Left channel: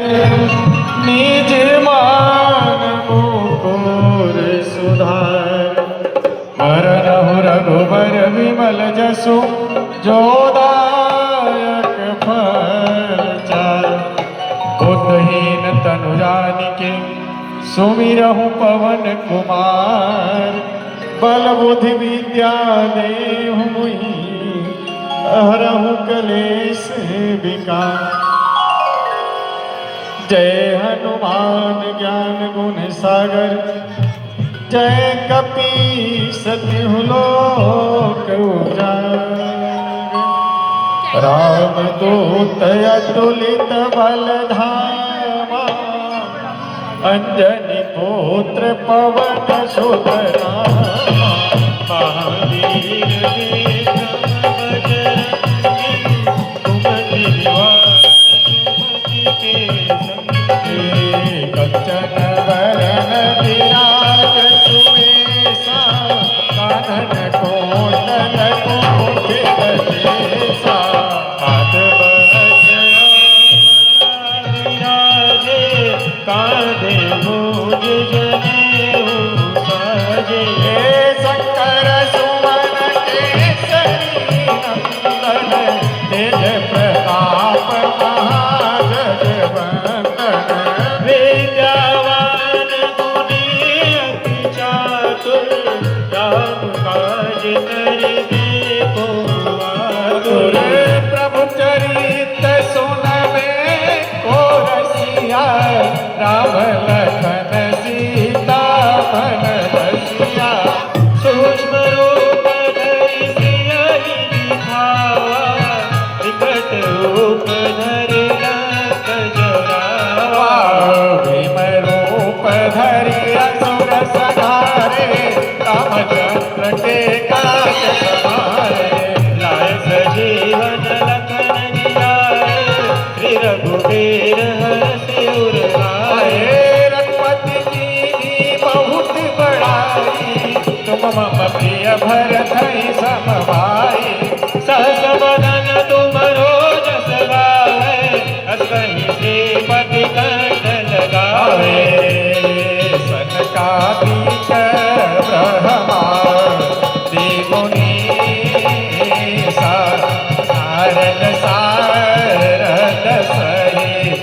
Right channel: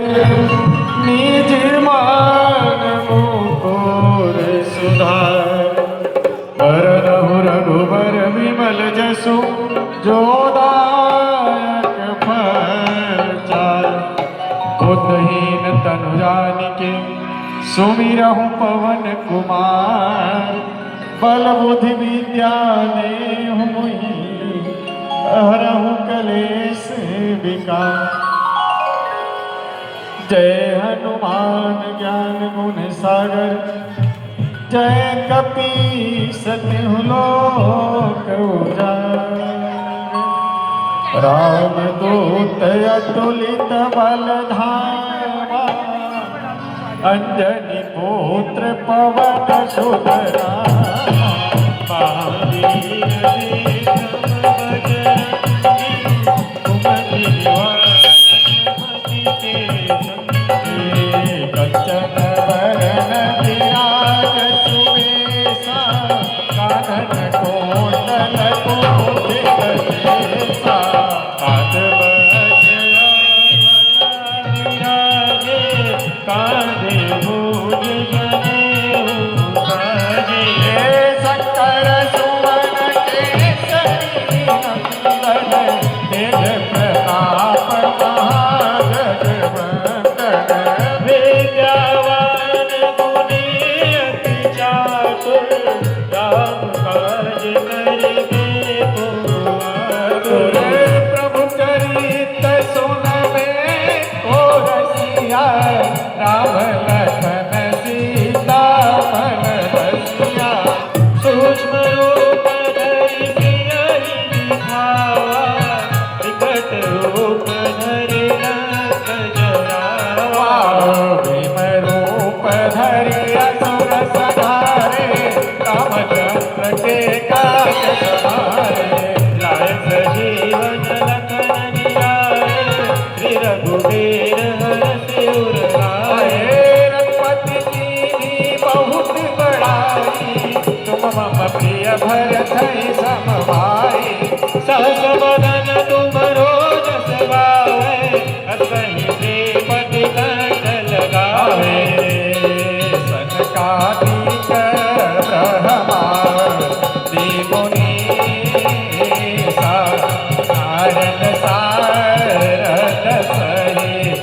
निज मान मुकुर सुधार वरनहु रघुबर विमल जसु जोदायक फल चार। बुद्धहीन तनु जानिके सुमिरहु पवन कुमार बल बुद्धि विद्या देहु हरहु कलेश विकार। जय हनुमान ज्ञान गुण सागर जय कपीस तिहु लोक उजागर। रामदूत अतुलित बल धामा अंजनी पुत्र पवन सुत नामा। महावीर बच्चन वरण विराज सुबेसा कानन कोटल कुंचित केसा। हाथ विराजे कांधे भुज जनेऊ साजे। शंकर सुवन केसरी नंदन तेज प्रताप रघुबीर हरषि उर लाए। रघुपति कीन्ही बहुत बड़ाई तुम मम प्रिय भरत सम भाई। सहस वदन तुमरो जस गावे असहि श्रीमति कंठ लगावे। सनकादिक ब्रह्मादि मुनीसा नारद सारद सहित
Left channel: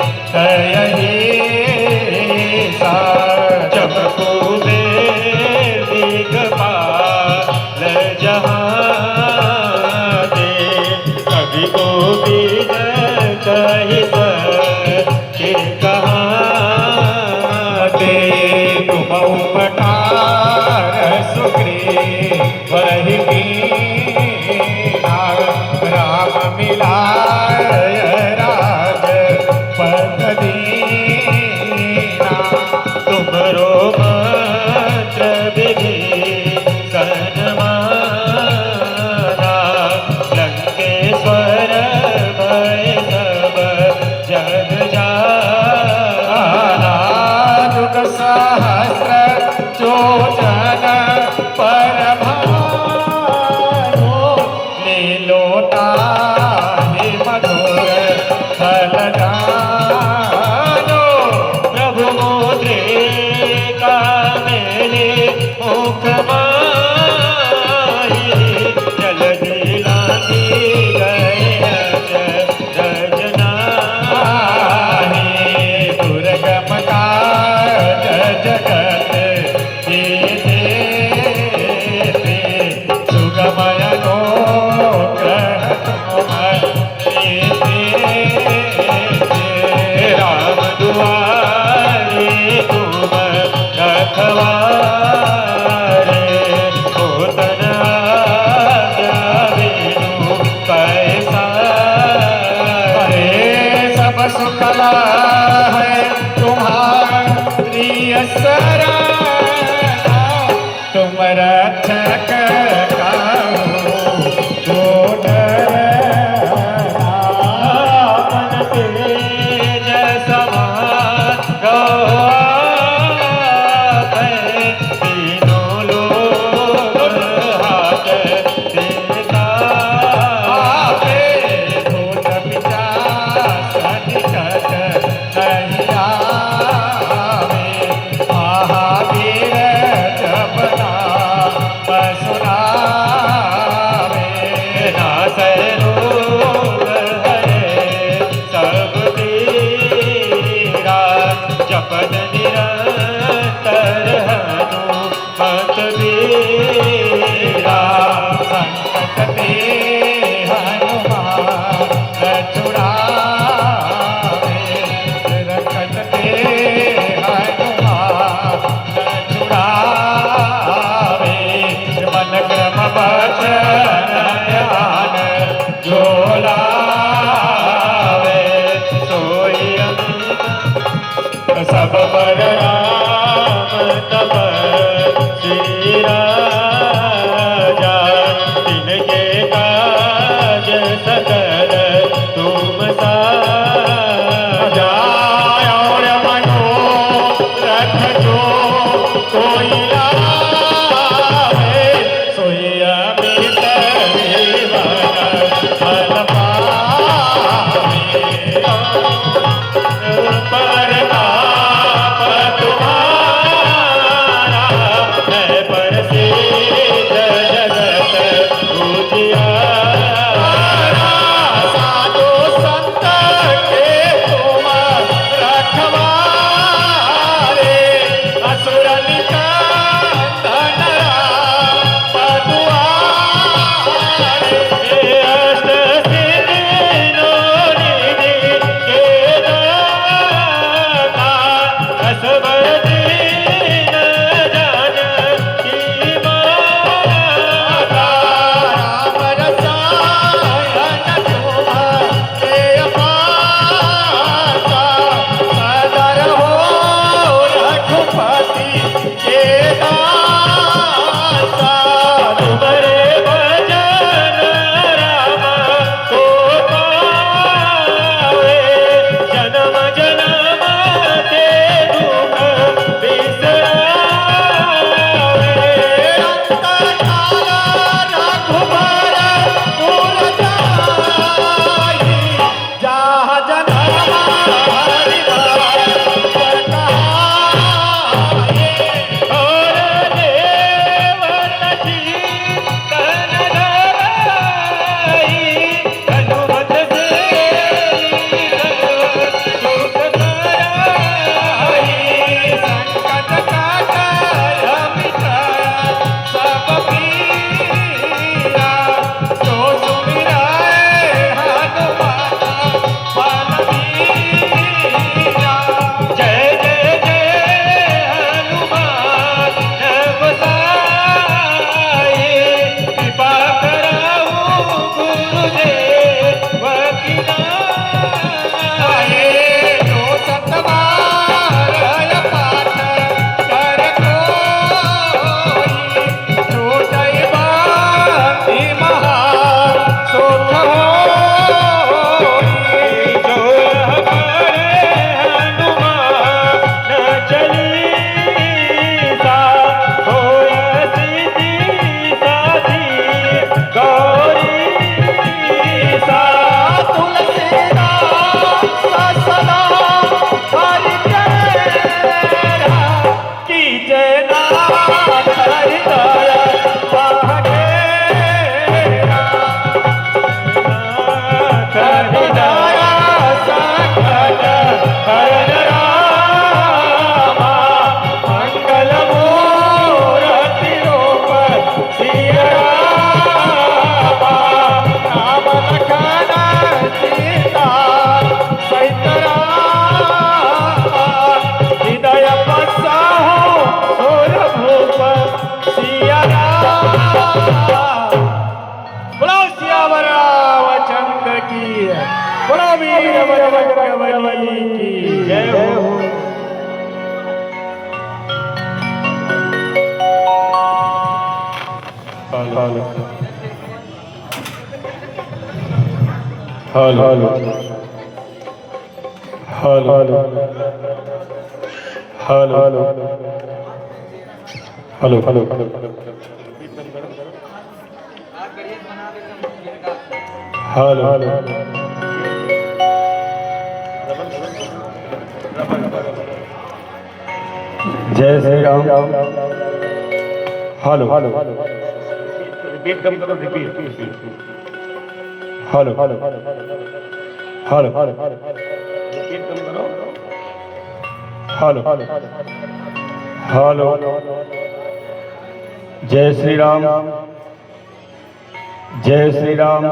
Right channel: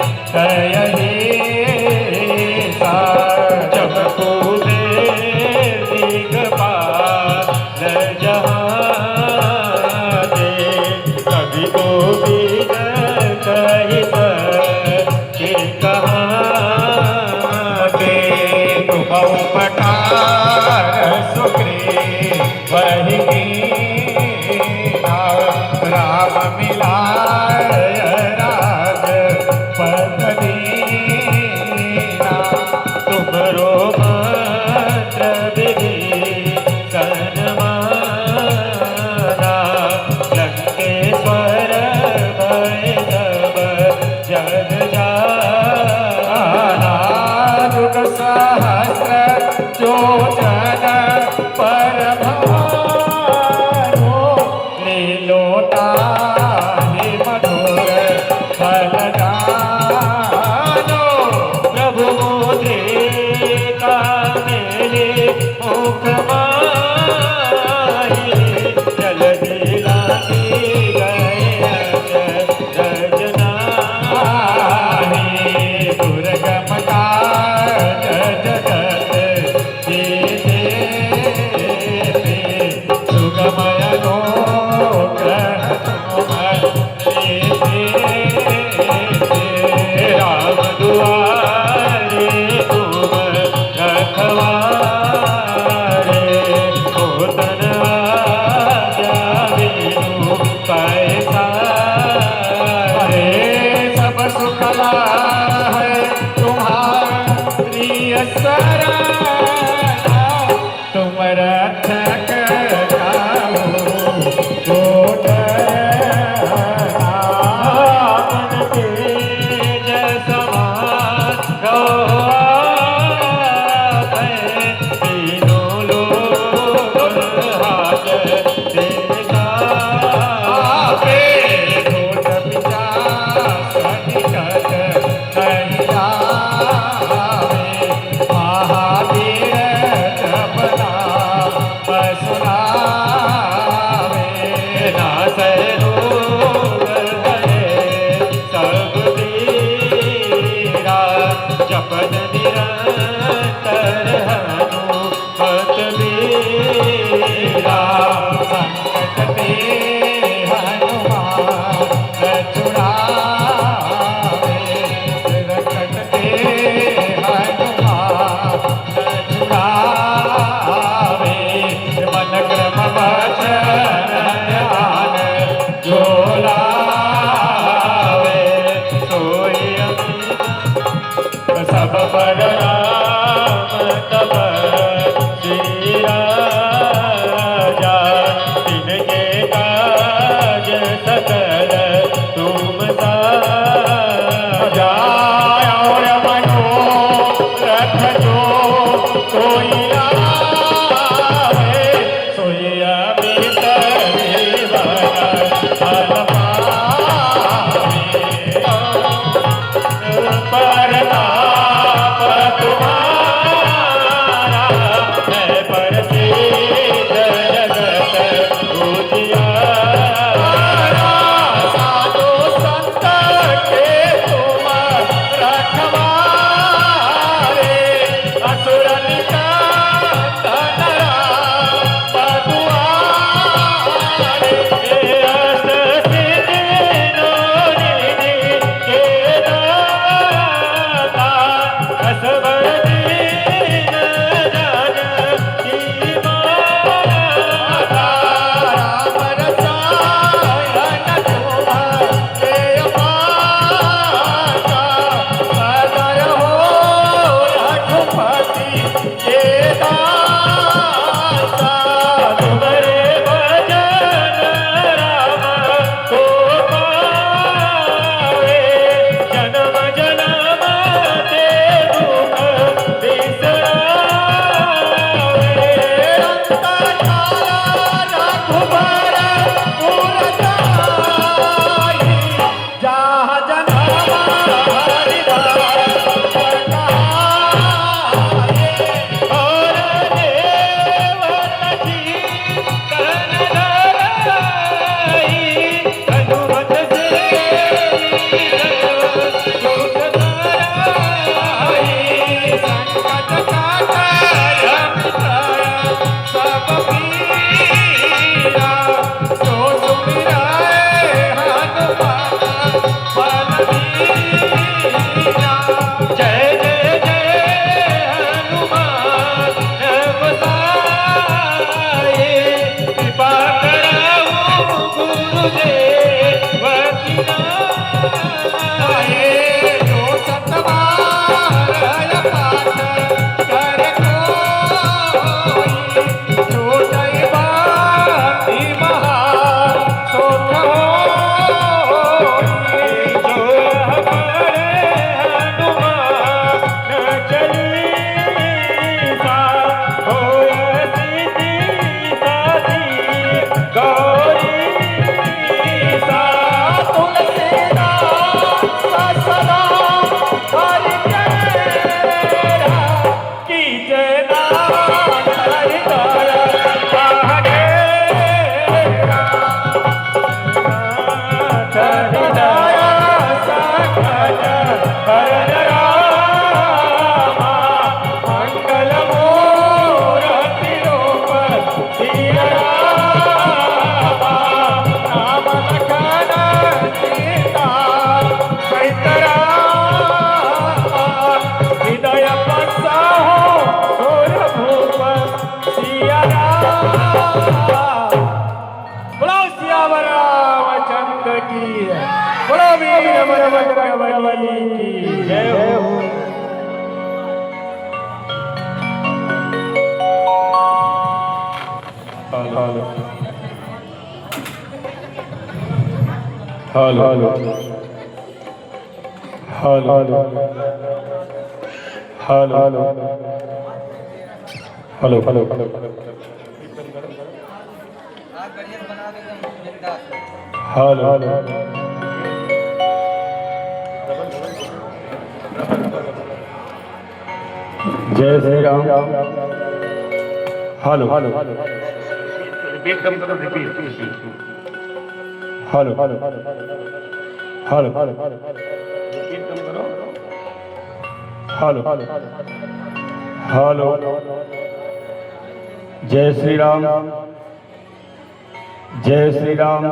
अमर राम तपस्वी राजा, तिनके काज सकल तुम साजा। और मनोरथ जो कोई आवे, सोई अमृत जीवन फल पावे। प्रताप तुम्हारा है प्रसिद्ध जगत उजियारा। साधु संत के तुम रखवारे, असुर निकंदन राम दुआरे। अष्ट सिद्धि नौनिधि के दाता, असबर दीन जानकी माता। राम रसायन तुम्हारे अपासा, सदर हो रघुपति के दासा। तुम्हारे भजन राम को पावे, जन्म जन्म के दुख बिसरावे। अंतर काल रघुबर पुर जाई, जहाँ जन्म हरि राय कहाई। और देवन जीवन धराई, हनुमत से सुख कराई। संकट काटर मिटा सब पीरा, जो सुमिराए हनुमान बल बीरा। जय जय जय हनुमान गोसाई, कृपा कराओ गुरुदेव की नाई। जो सतबार पाठ कर कोई, जो दैवाधि महान सुख होई। जो हमारे हनुमान चालीसा, होय सिद्धि साधी गौरीसा। तुलसीदास सदा हरिकेरा, कीजे नाम हरिदाया पहरेरा। हरिदाया सकल हरण रामा, मंगल मूरति रूप सिया रामा। राम लखन सीता सहित रामा, हृदय बसाओ सोर भूप सिया रामा। बोलो सियावर रामचंद्र की, बोलो वीर बजरंगबली की जय हो। Hello hello hello hello hello hello hello hello जय Shri Ram. Hello hello repeat कम करो, repeat hello hello hello repeat कम करो। हेलो हेलो जय श्री राम, जय श्री राम।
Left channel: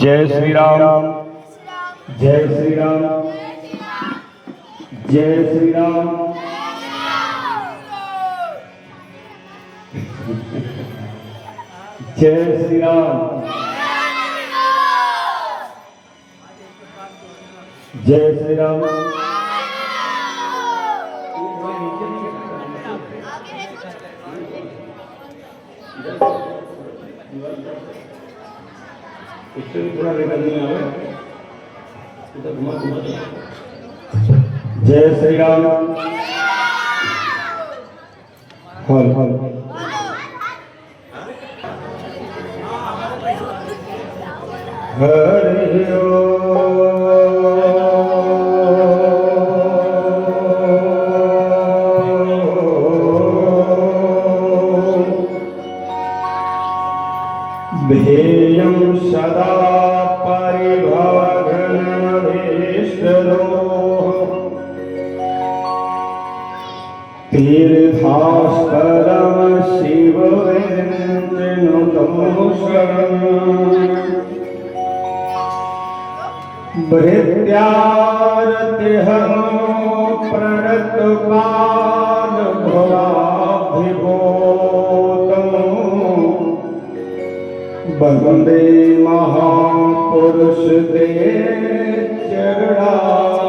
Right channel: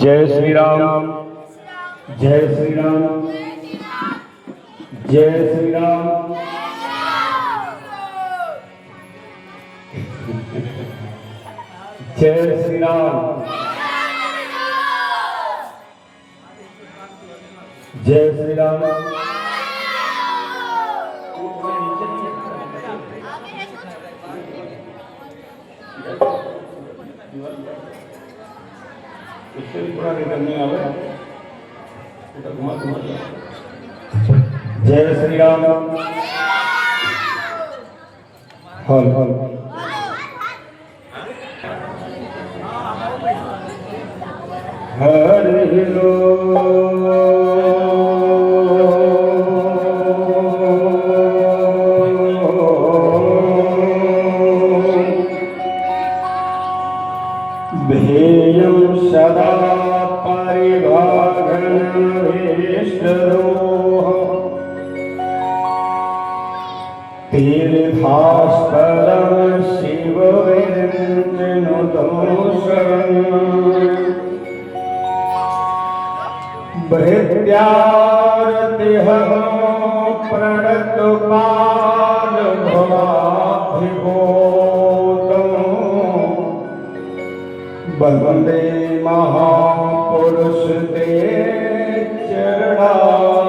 जय श्री राम, जय श्री राम, जय श्री राम। जय श्री राम। जय श्री राम। जय श्री राम। हल हल हरि भेयं सदा परिभागनभीष्टदोः तीर्थास्पदं शिवविरञ्जनुतमोऽशरणम् भृत्यारतिहनो प्रणतपादभवाभिभूतम् वन्दे महापुरुष ते चरणारविन्दम्।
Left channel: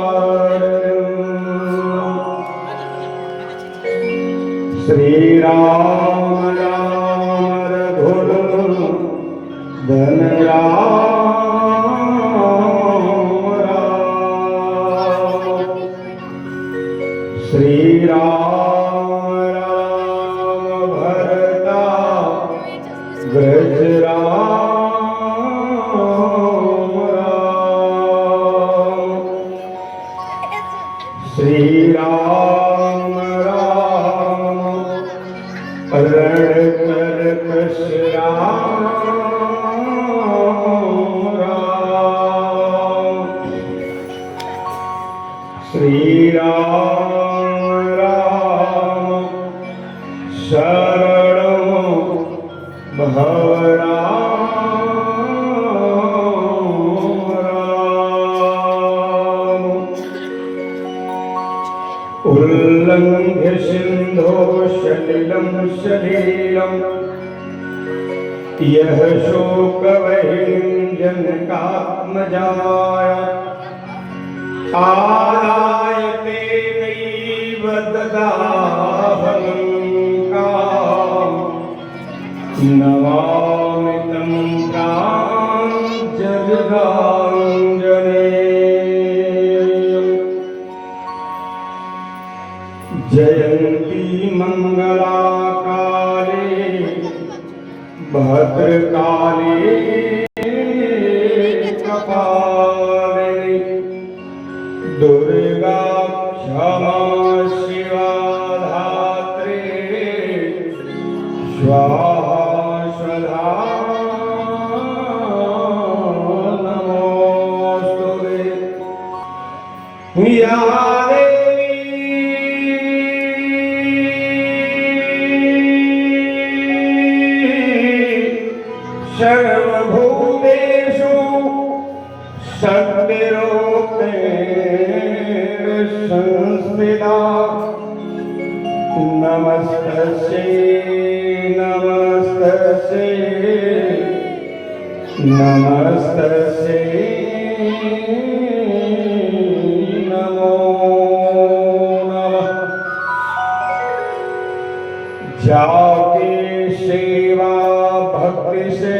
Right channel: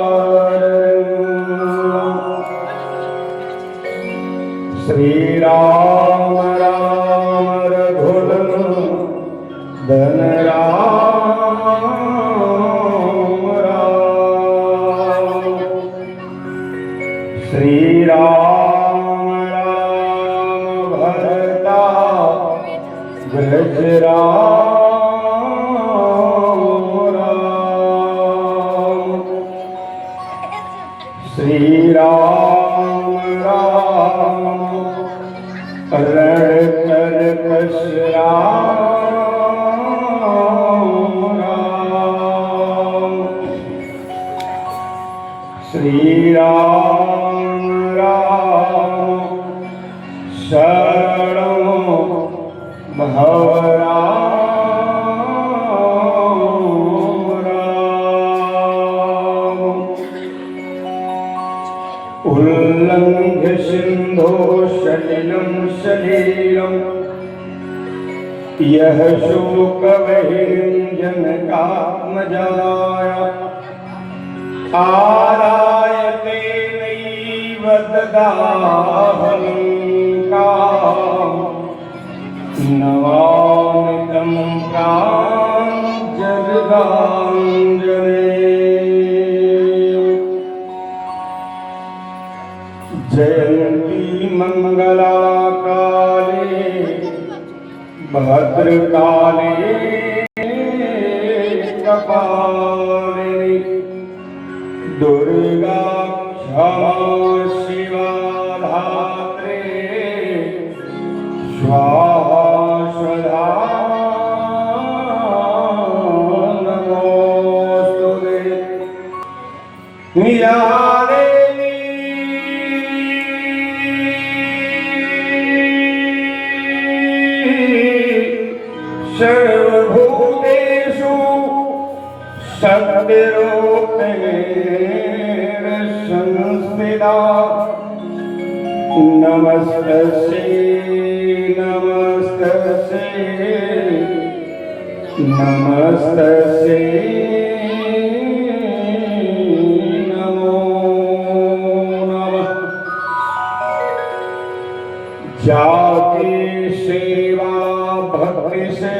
श्री राम राम रघुनंदन धन श्री राम राम भरता व्रज राम श्री राम राम रण कर्कश राम श्री राम शरणं भव राम राम उल्लंघ्य सिंधो सलिलं सलीलं यह शोकवहिञ्जनकात्मजाय आरायते नैव ददाहलङ्का नमामि तं प्राञ्जलिराञ्जनेयम्। जयन्ती मंगला काले भद्रकाले कपालिनी दुर्गा क्षमा शिवा धात्री स्वाहा सदा नमोस्तुते। या सर्वभूतेषु शक्तिरूपेण संस्थिता नमस्तस्यै नमस्तस्यै नमस्तस्यै नमो नमः। जाके सेवा भक्ति से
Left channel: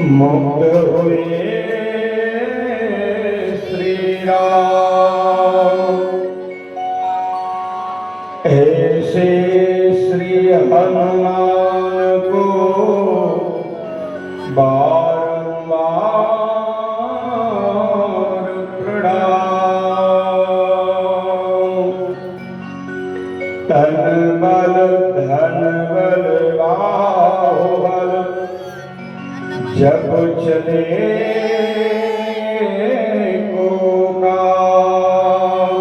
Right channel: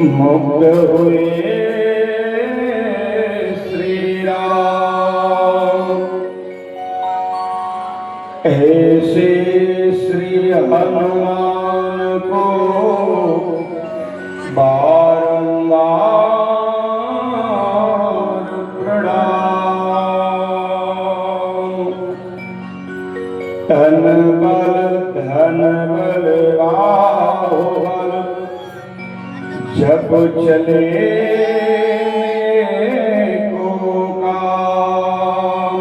मुक्त हुए श्री राम ऐसे श्री हनुमान को बारंबार प्रणाम। तन बल धन बल बाहुबल जब चले को काम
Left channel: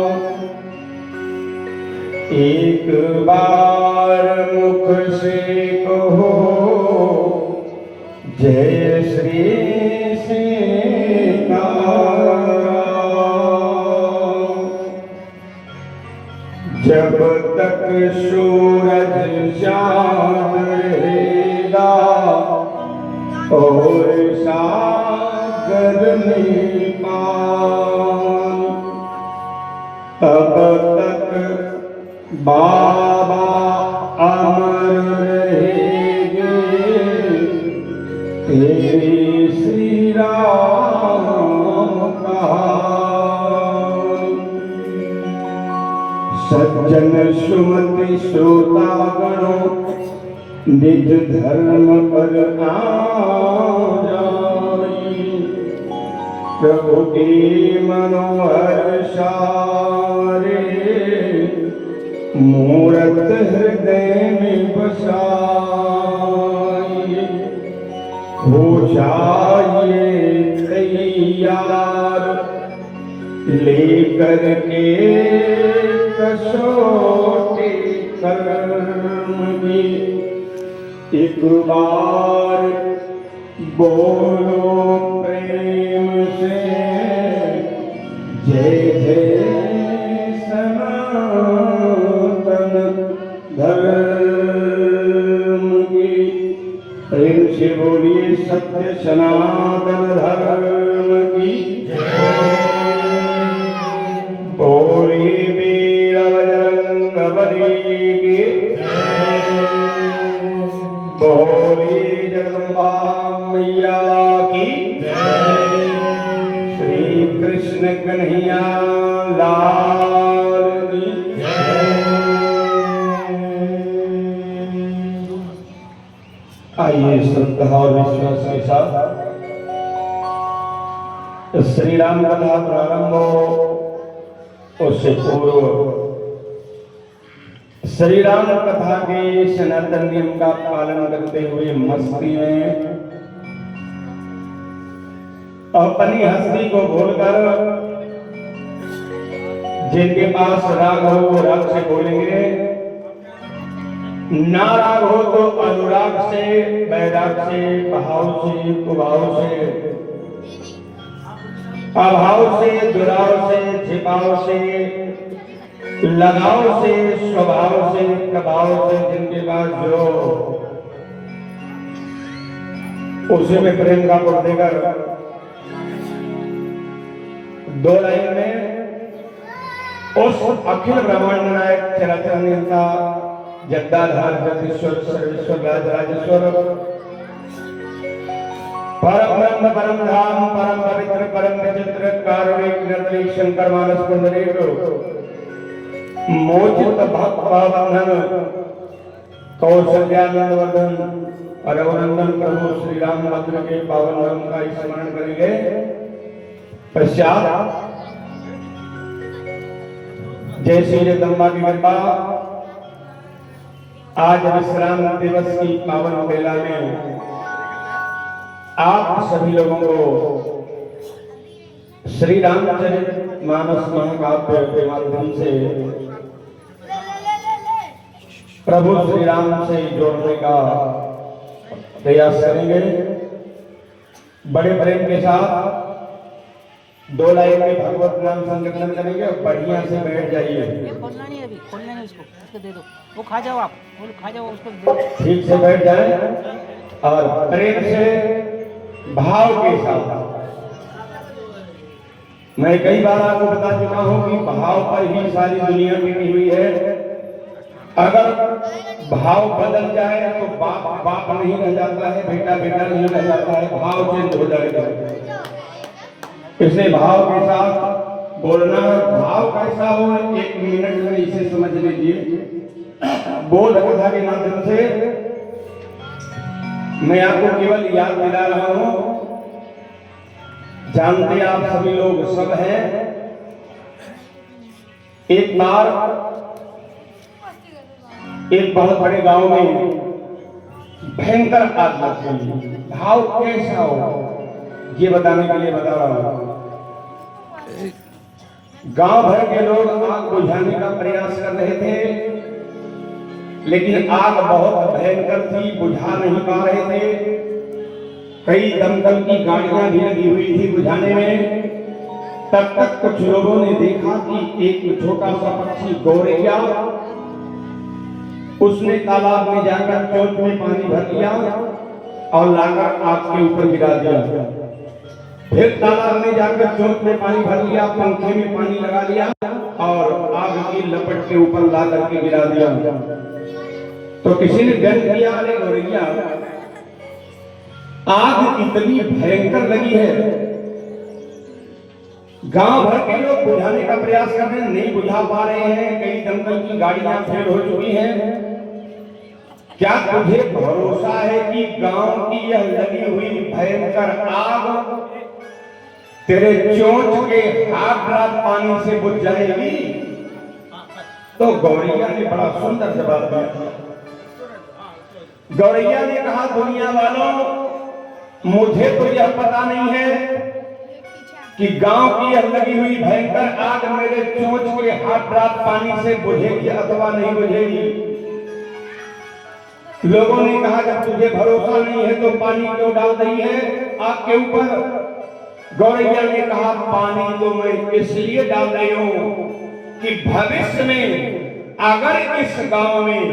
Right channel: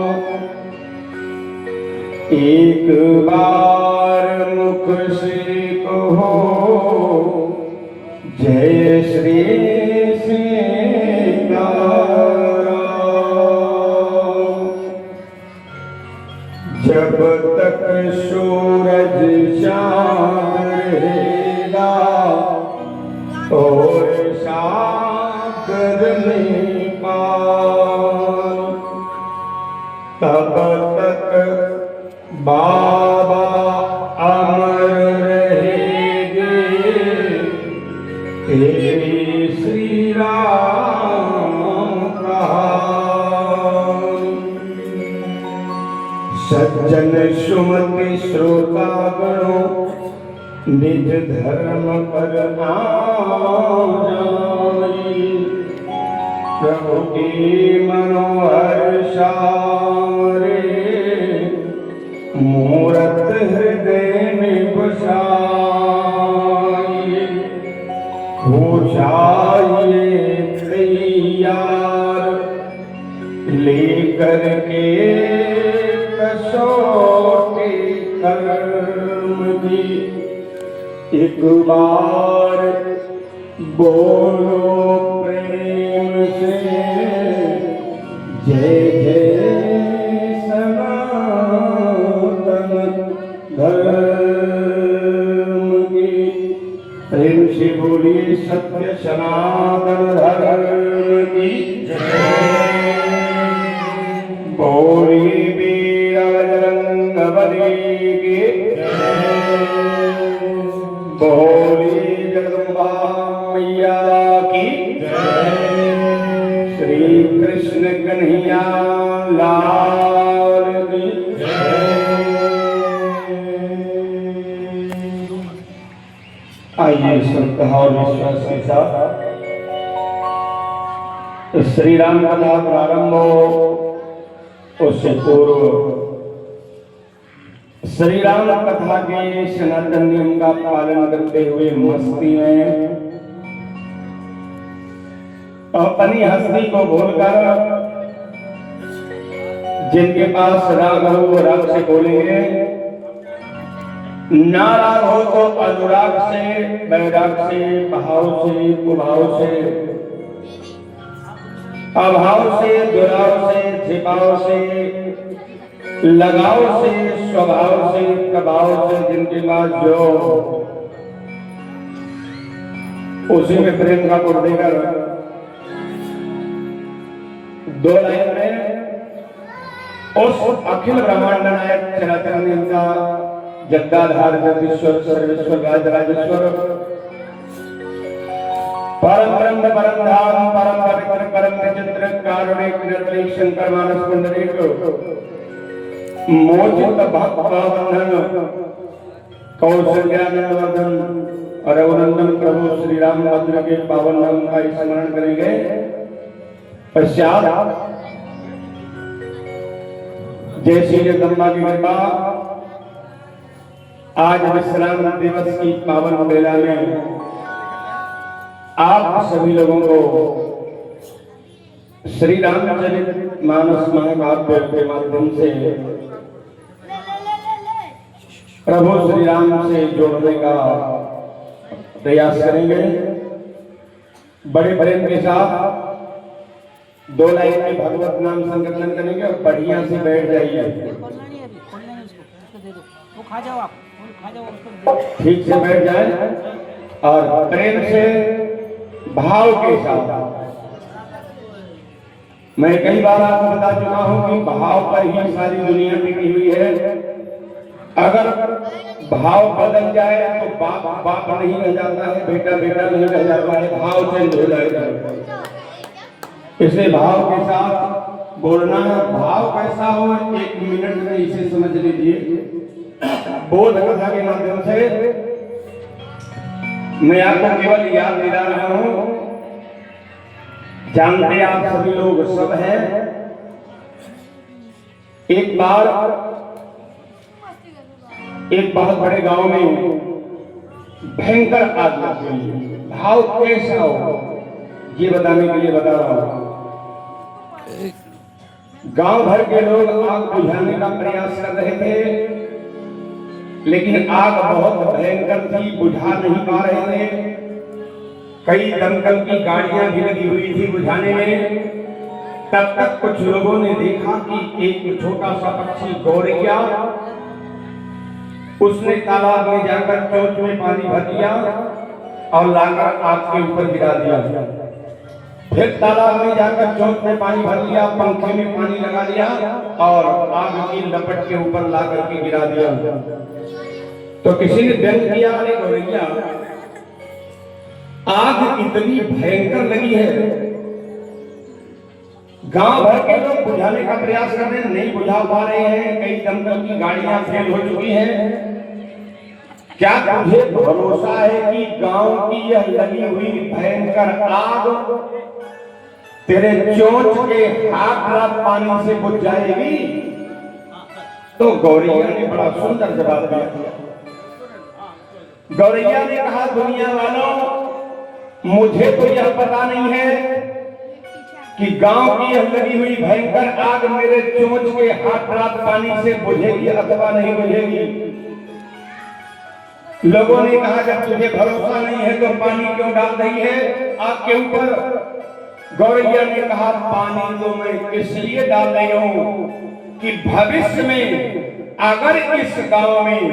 एक बार मुख से कहो जय श्री सीताराम। जब तक सूरज चांद रहेगा और साथ करने पार। तब तक बाबा अमर रहेंगे, तेरी श्री राम कहानी। सज्जन सुमति श्रोतागणों, निज धर्म पर आ जाई। प्रभु की मनोहर सारे, मूरत हृदय में बसाई। हो जाइए तैयार, लेकर के कसौटी कर्म की। एक बार बोलो प्रेम से, जय जय सनातन धर्म की। प्रेम से बोलिए सत्य सनातन धर्म की जय। बोलिए वीर बजरंगबली की जय। बोलिए जगदम्बा मैया की जय। श्री कृष्ण कन्हैया लाल की जय। आइए श्रद्धा और विश्वास के साथ श्री राम कथा प्रारंभ हो, उससे पूर्व श्री राम कथा के सनातन नियम का पालन करते हुए मस्ती में अपनी हस्ती को भूलकर जिनके पास राग हो राग से बोलेंगे, नाराग हो तो अनुराग से, वैराग से, भाव से, कुभाव से, अभाव से, दुराव से, छिपाव से, लगाव से, स्वभाव से, प्रभाव से, जिनके पास जो उसी में प्रेम का गुण देकर दो लाइन में उस अखिल ब्रह्मांड नायक चराचर का जगदाधार जगदीश्वर सर्वेश्वर राजराजेश्वर परम ब्रह्म परम धाम परम पवित्र परम विचित्र कारुणिक निर्मल शंकर मानस मंदिर मोचित भक्त भावनंदन कौशल्यानंदवर्धन रघुनंदन प्रभु श्री रामचंद्र के पावन नाम का स्मरण करेंगे। पश्चात जय श्री जगदम्बा की कृपा, आज विश्राम दिवस की पावन बेला में आप सभी लोगों को श्री रामचरित मानस महाकाव्य के माध्यम से प्रभु श्री राम से जोड़ने का प्रयास करेंगे। बड़े प्रेम के साथ दो लाइन में भगवत नाम संकीर्तन करेंगे और बढ़िया से बैठ जाइए। खोलना नहीं अभी, खोलना नहीं, उसको दे दो, वो खा जाओ, आप खा जाओ, उसको ठीक से बैठ जाए और प्रेम से भाव के साथ। मैं कई बार आपको बता चुका हूं कि भाव पर ही सारी दुनिया टिकी हुई है। अगर भाव बदल जाए तो बाप बाप नहीं रह जाता है, बेटा बेटा नहीं रह जाता है, भाव चेंज हो जाएगा। इसलिए भाव के साथ बोलना है। भाव कैसा हो, एक मिनट में इसे समझ लीजिए। बोध कथा के माध्यम से मैं आपको केवल याद दिला रहा हूं। जानते आप सभी लोग सब हैं। एक बार एक बहुत बड़े गांव में भयंकर आग लग गई। भाव कैसा हो ये बताने के लिए बता रहा हूं। गांव भर के लोग आग बुझाने का प्रयास कर रहे थे, लेकिन आग बहुत भयंकर थी, बुझा नहीं पा रहे थे। कई दमकल की गाड़ियां भी लगी हुई थी बुझाने में। तब तक कुछ लोगों ने देखा कि एक छोटा सा पक्षी गौरैया, उसने तालाब में जाकर चोंच में पानी भर लिया और लाकर आग के ऊपर गिरा दिया। फिर तालाब में जाकर चौक में पानी भर लिया, पंखे में पानी लगा लिया और आग की लपट के ऊपर ला करके गिरा दिया। तो किसी ने व्यंग किया, अरे गौरैया आग इतनी भयंकर लगी है, गांव भर के लोग बुझाने का प्रयास कर रहे हैं, नहीं बुझा पा रहे हैं, कई दमकल की गाड़ियां फेल हो चुकी हैं। क्या तुझे भरोसा है कि गांव की यह लगी हुई भयंकर आग तेरे चोंच के हाथ रात पानी से बुझ जाएगी? तो गौरैया ने बड़ा सुंदर जवाब दिया। गौरैया ने कहा, दुनिया वालों, मुझे तो यह पता नहीं है कि गांव की यह लगी हुई भयंकर आग मेरे चोंच के हाथ रात पानी से बुझेगी अथवा नहीं बुझेगी। लोगों ने कहा, जब तुझे भरोसा नहीं है तो पानी क्यों डाल रही है आग के ऊपर? गौरैया ने कहा, पानी तो मैं इसलिए डाल रही हूं कि भविष्य में अगर इस गांव में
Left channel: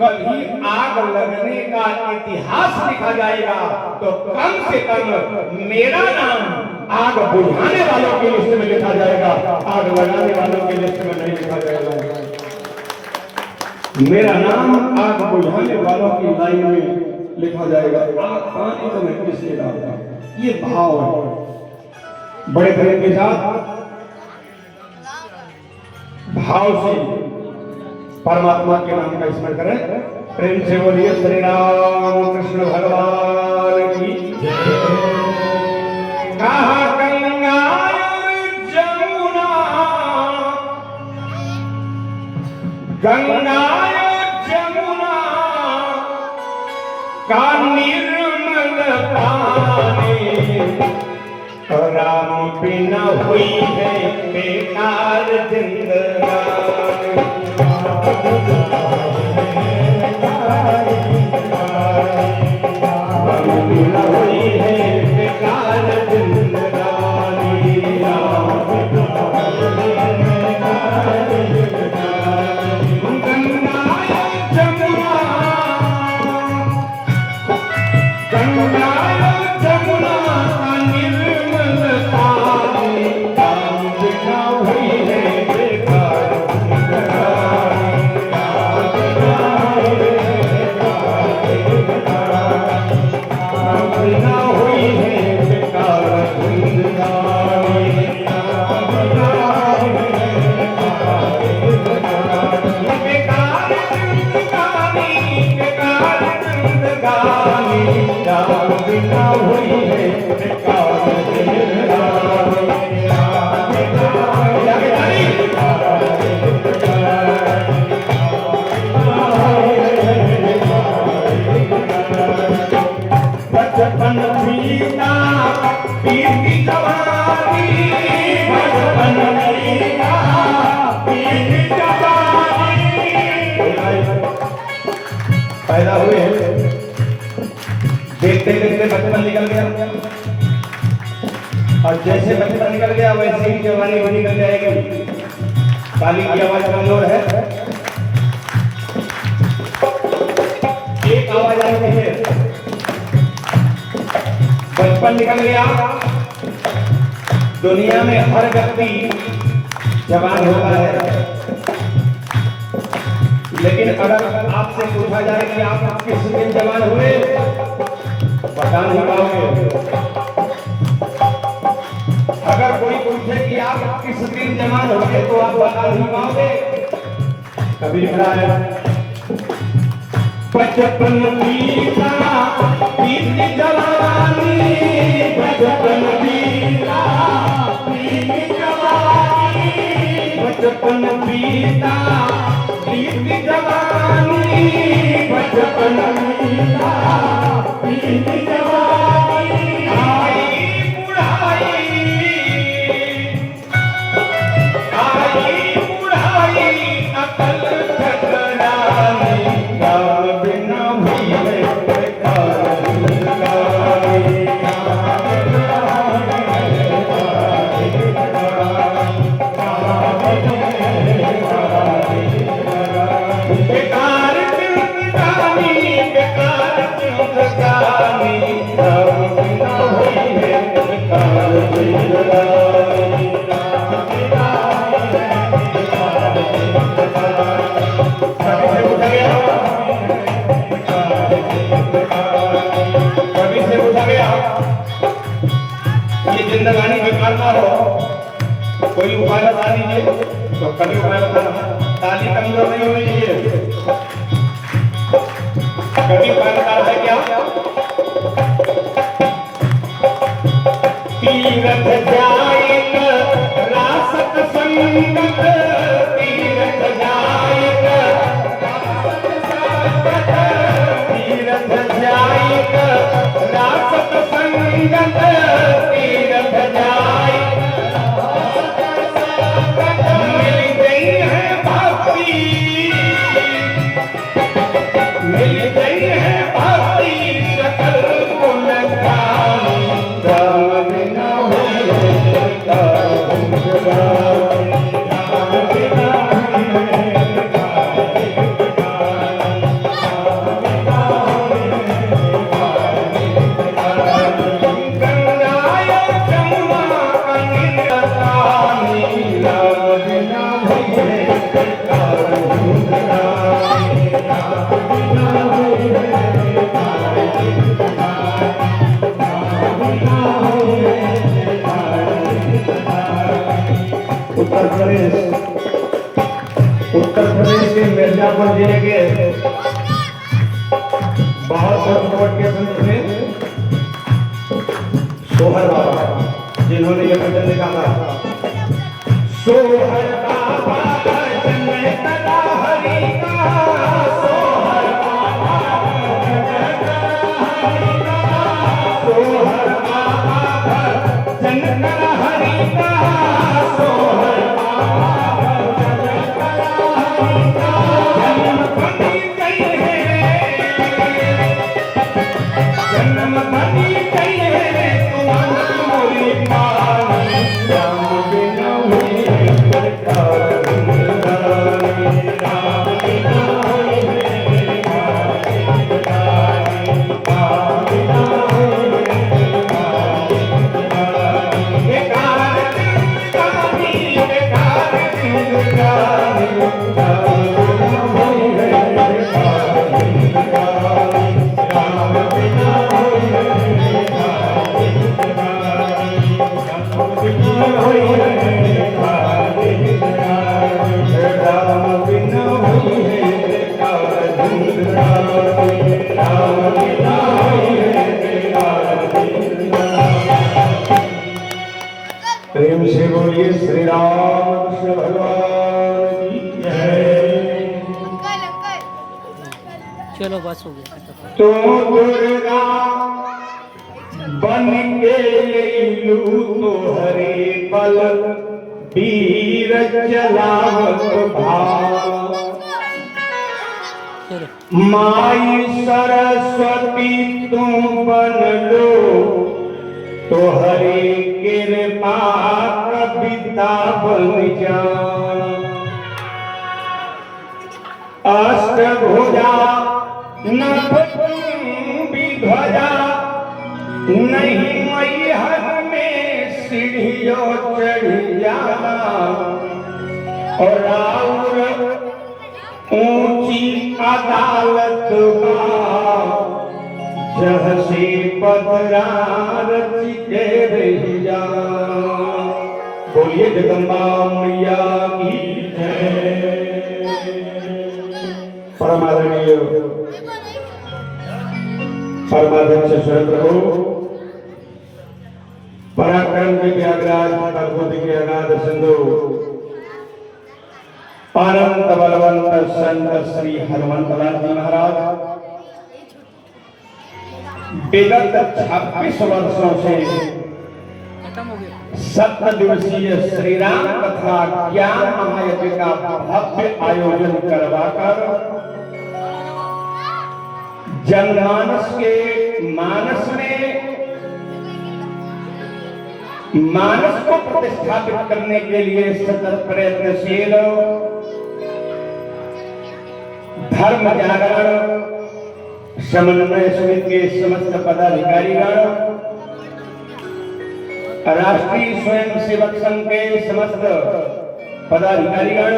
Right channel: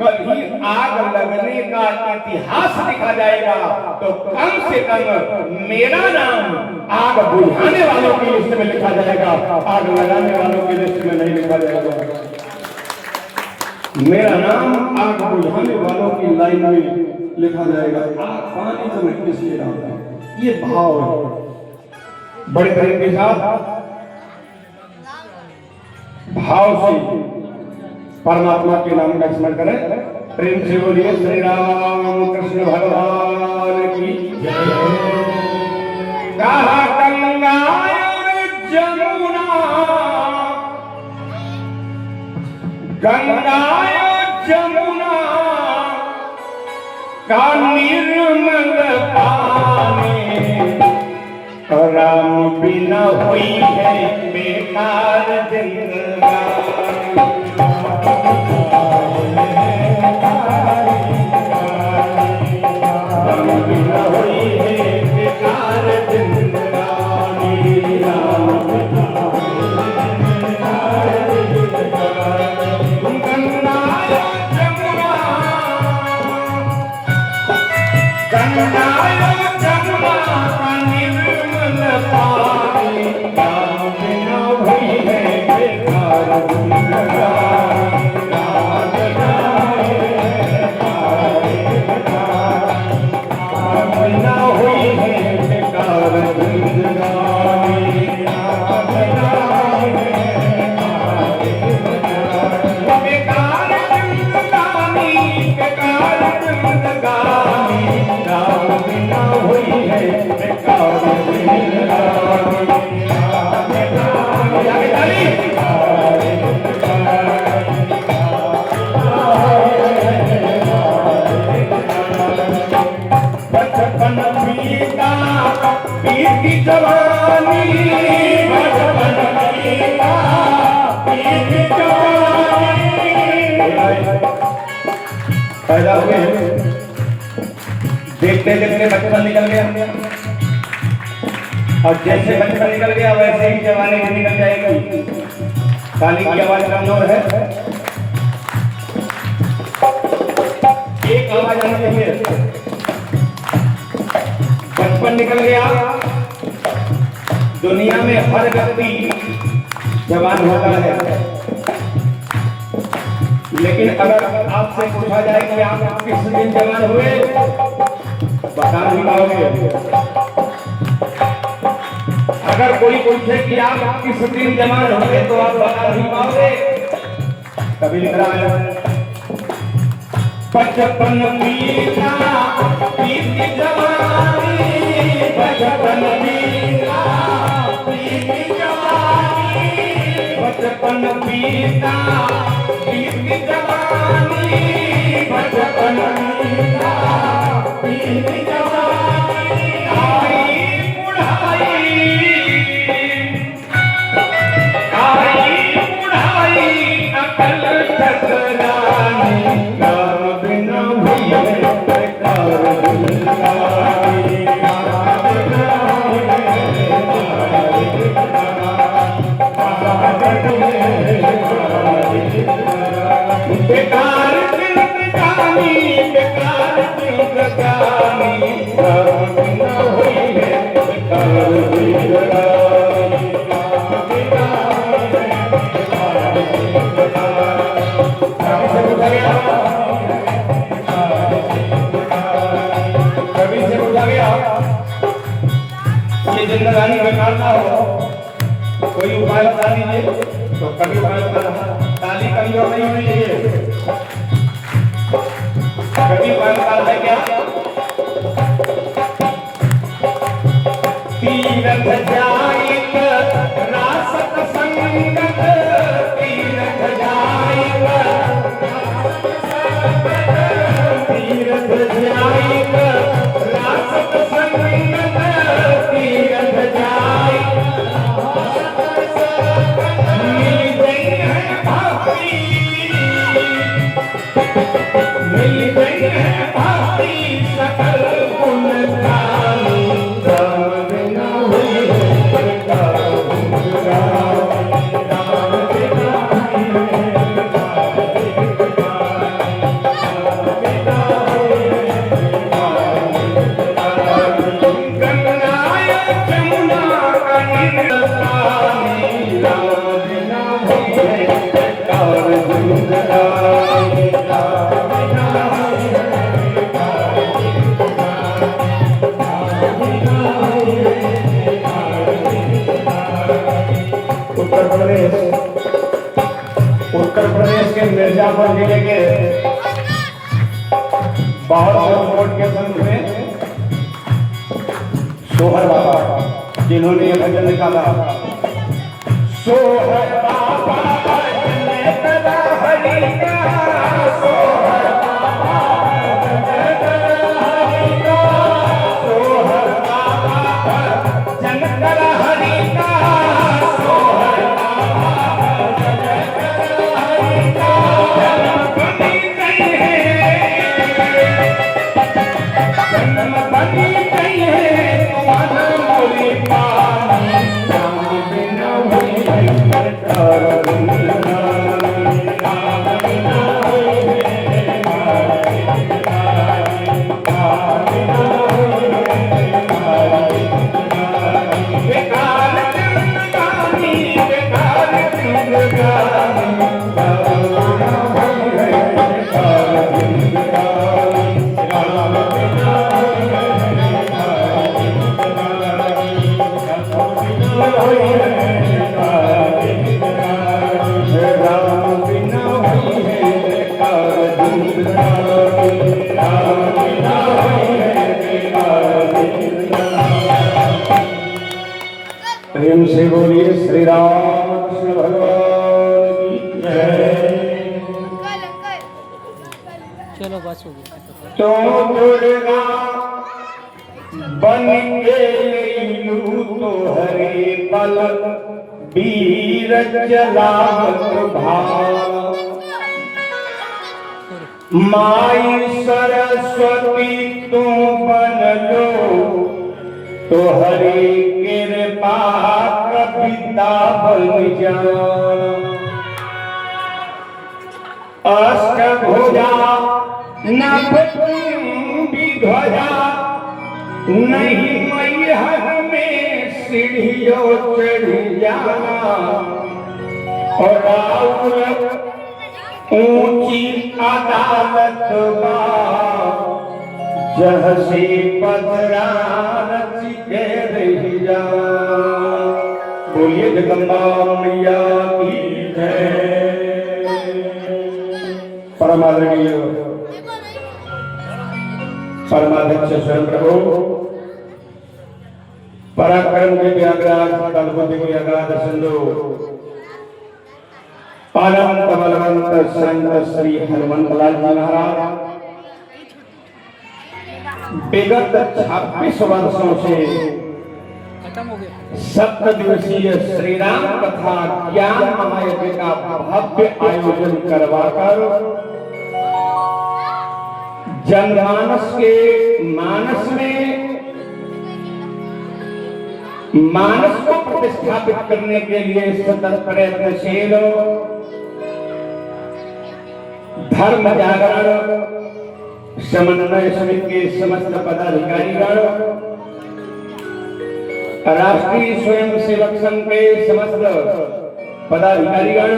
कभी आग लगने का इतिहास लिखा जाएगा तो कम से कम मेरा नाम आग बुझाने वालों की लिस्ट में लिखा जाएगा, आग लगाने वालों की लिस्ट में नहीं लिखा जाएगा। मेरा नाम आग बुझाने वालों की लाइन में लिखा जाएगा। आग पानी तो मैं किसलिए डालता हूं? ये भाव है। बड़े प्रेम के साथ भाव से परमात्मा के नाम का स्मरण करें। प्रेम से बोलिए श्री राम कृष्ण भगवान की जय। कहा गंगा जमुना, गंगा जमुना का निर्मल पानी, राम बिना हुई है बेकार जिंदगानी। बिना हुई है बेकार जिंदगानी, गंगा जमुना का निर्मल पानी, राम बिना हुई है बेकार जिंदगानी, राम बिना हुई है बेकार जिंदगानी, बेकार जिंदगानी, बेकार जिंदगानी, राम बिना हुई है बेकार जिंदगानी। बचपन बीता बीती जवानी, बचपन बीता बीती जवानी। पैदा हुए देखते देखते बचपन निकल गया, और जैसे बचपन निकल गया वैसे ही जवानी भी निकल जाएगी। ताली की आवाज कमजोर है, एक आवाज आनी चाहिए। बचपन निकल गया, दुनिया में हर व्यक्ति जवान होता है, लेकिन अगर आपसे पूछा जाए कि आप किस दिन जवान हुए, बता नहीं पाओगे। अगर कोई पूछे कि आप किस दिन जवान हुए तो आप बता नहीं पाओगे। कभी लिखना है, बचपन बीता बीती जवानी, बचपन बीता बीती जवानी, बचपन बीता बीती जवानी, बचपन बीता बीती जवानी। आई बुढ़ाई, आई बुढ़ाई, अकल ठकरानी, राम बिना हुई है बेकार जिंदगानी, राम बिना हुई है बेकार जिंदगानी। जिंदगानी बेकार ना हो, कोई उपाय बता दीजिए। तो कभी उपाय बताना, ताली कमजोर नहीं होनी चाहिए। कभी उपाय बता है क्या? तीरथ जायक रासत संगत, तीरथ जायक, तीरथ जायक रासत संगत, तीरथ जायक मिल गई है भक्ति, मिल गई है भक्ति सकल गुण गानी, राम बिना हुई राम बिना उत्तर प्रदेश के मिर्जापुर जिले के बहुत रोड के संत में सोहर बाबा, जिन्होंने ये भजन निकाला, सोहर बाबा भजन करा हरि का, सोहर बाबा भजन करा हरि का, सोहर बाबा भजन करा हरि का, सोहर प्रेम से बोलिए श्री राम कृष्ण भगवान की जय। चलो बस हो गया। तो दुर्गा बन के लू तो हरे पल वीर चलावत भाव, माई सरस्वती तुम बन लो तो हरे कृपा कविता बन जा, अष्टभुजा नभ विध्वजा, नहीं मैहर में सीढ़ियों चढ़ जाना, और आउर ऊंची अदालत जह से पदरा रच के रही जा। बोलिए जगदम्बा मैया की जय। परमादरणीय परमाध्यक्ष स्वयं प्रभु पराक्रम के व्याग्राज भगवती के अगाध सिंधु अनंत बलवंत संत श्री हनुमंत लाल जी महाराज विगत 26 वर्षों से खत्म हो गया 7 दिवसीय श्री राम कथा ज्ञान महायज्ञ का भव्य आयोजन करवाकर जनमानस के मानस में मानस को प्रतिष्ठापित करने के लिए सतत प्रयत्नशील धर्म जागरण समन्वय समिति के समस्त पदाधिकारीगण, राष्ट्रीय स्वयंसेवक संघ के समस्त पदाधिकारीगण,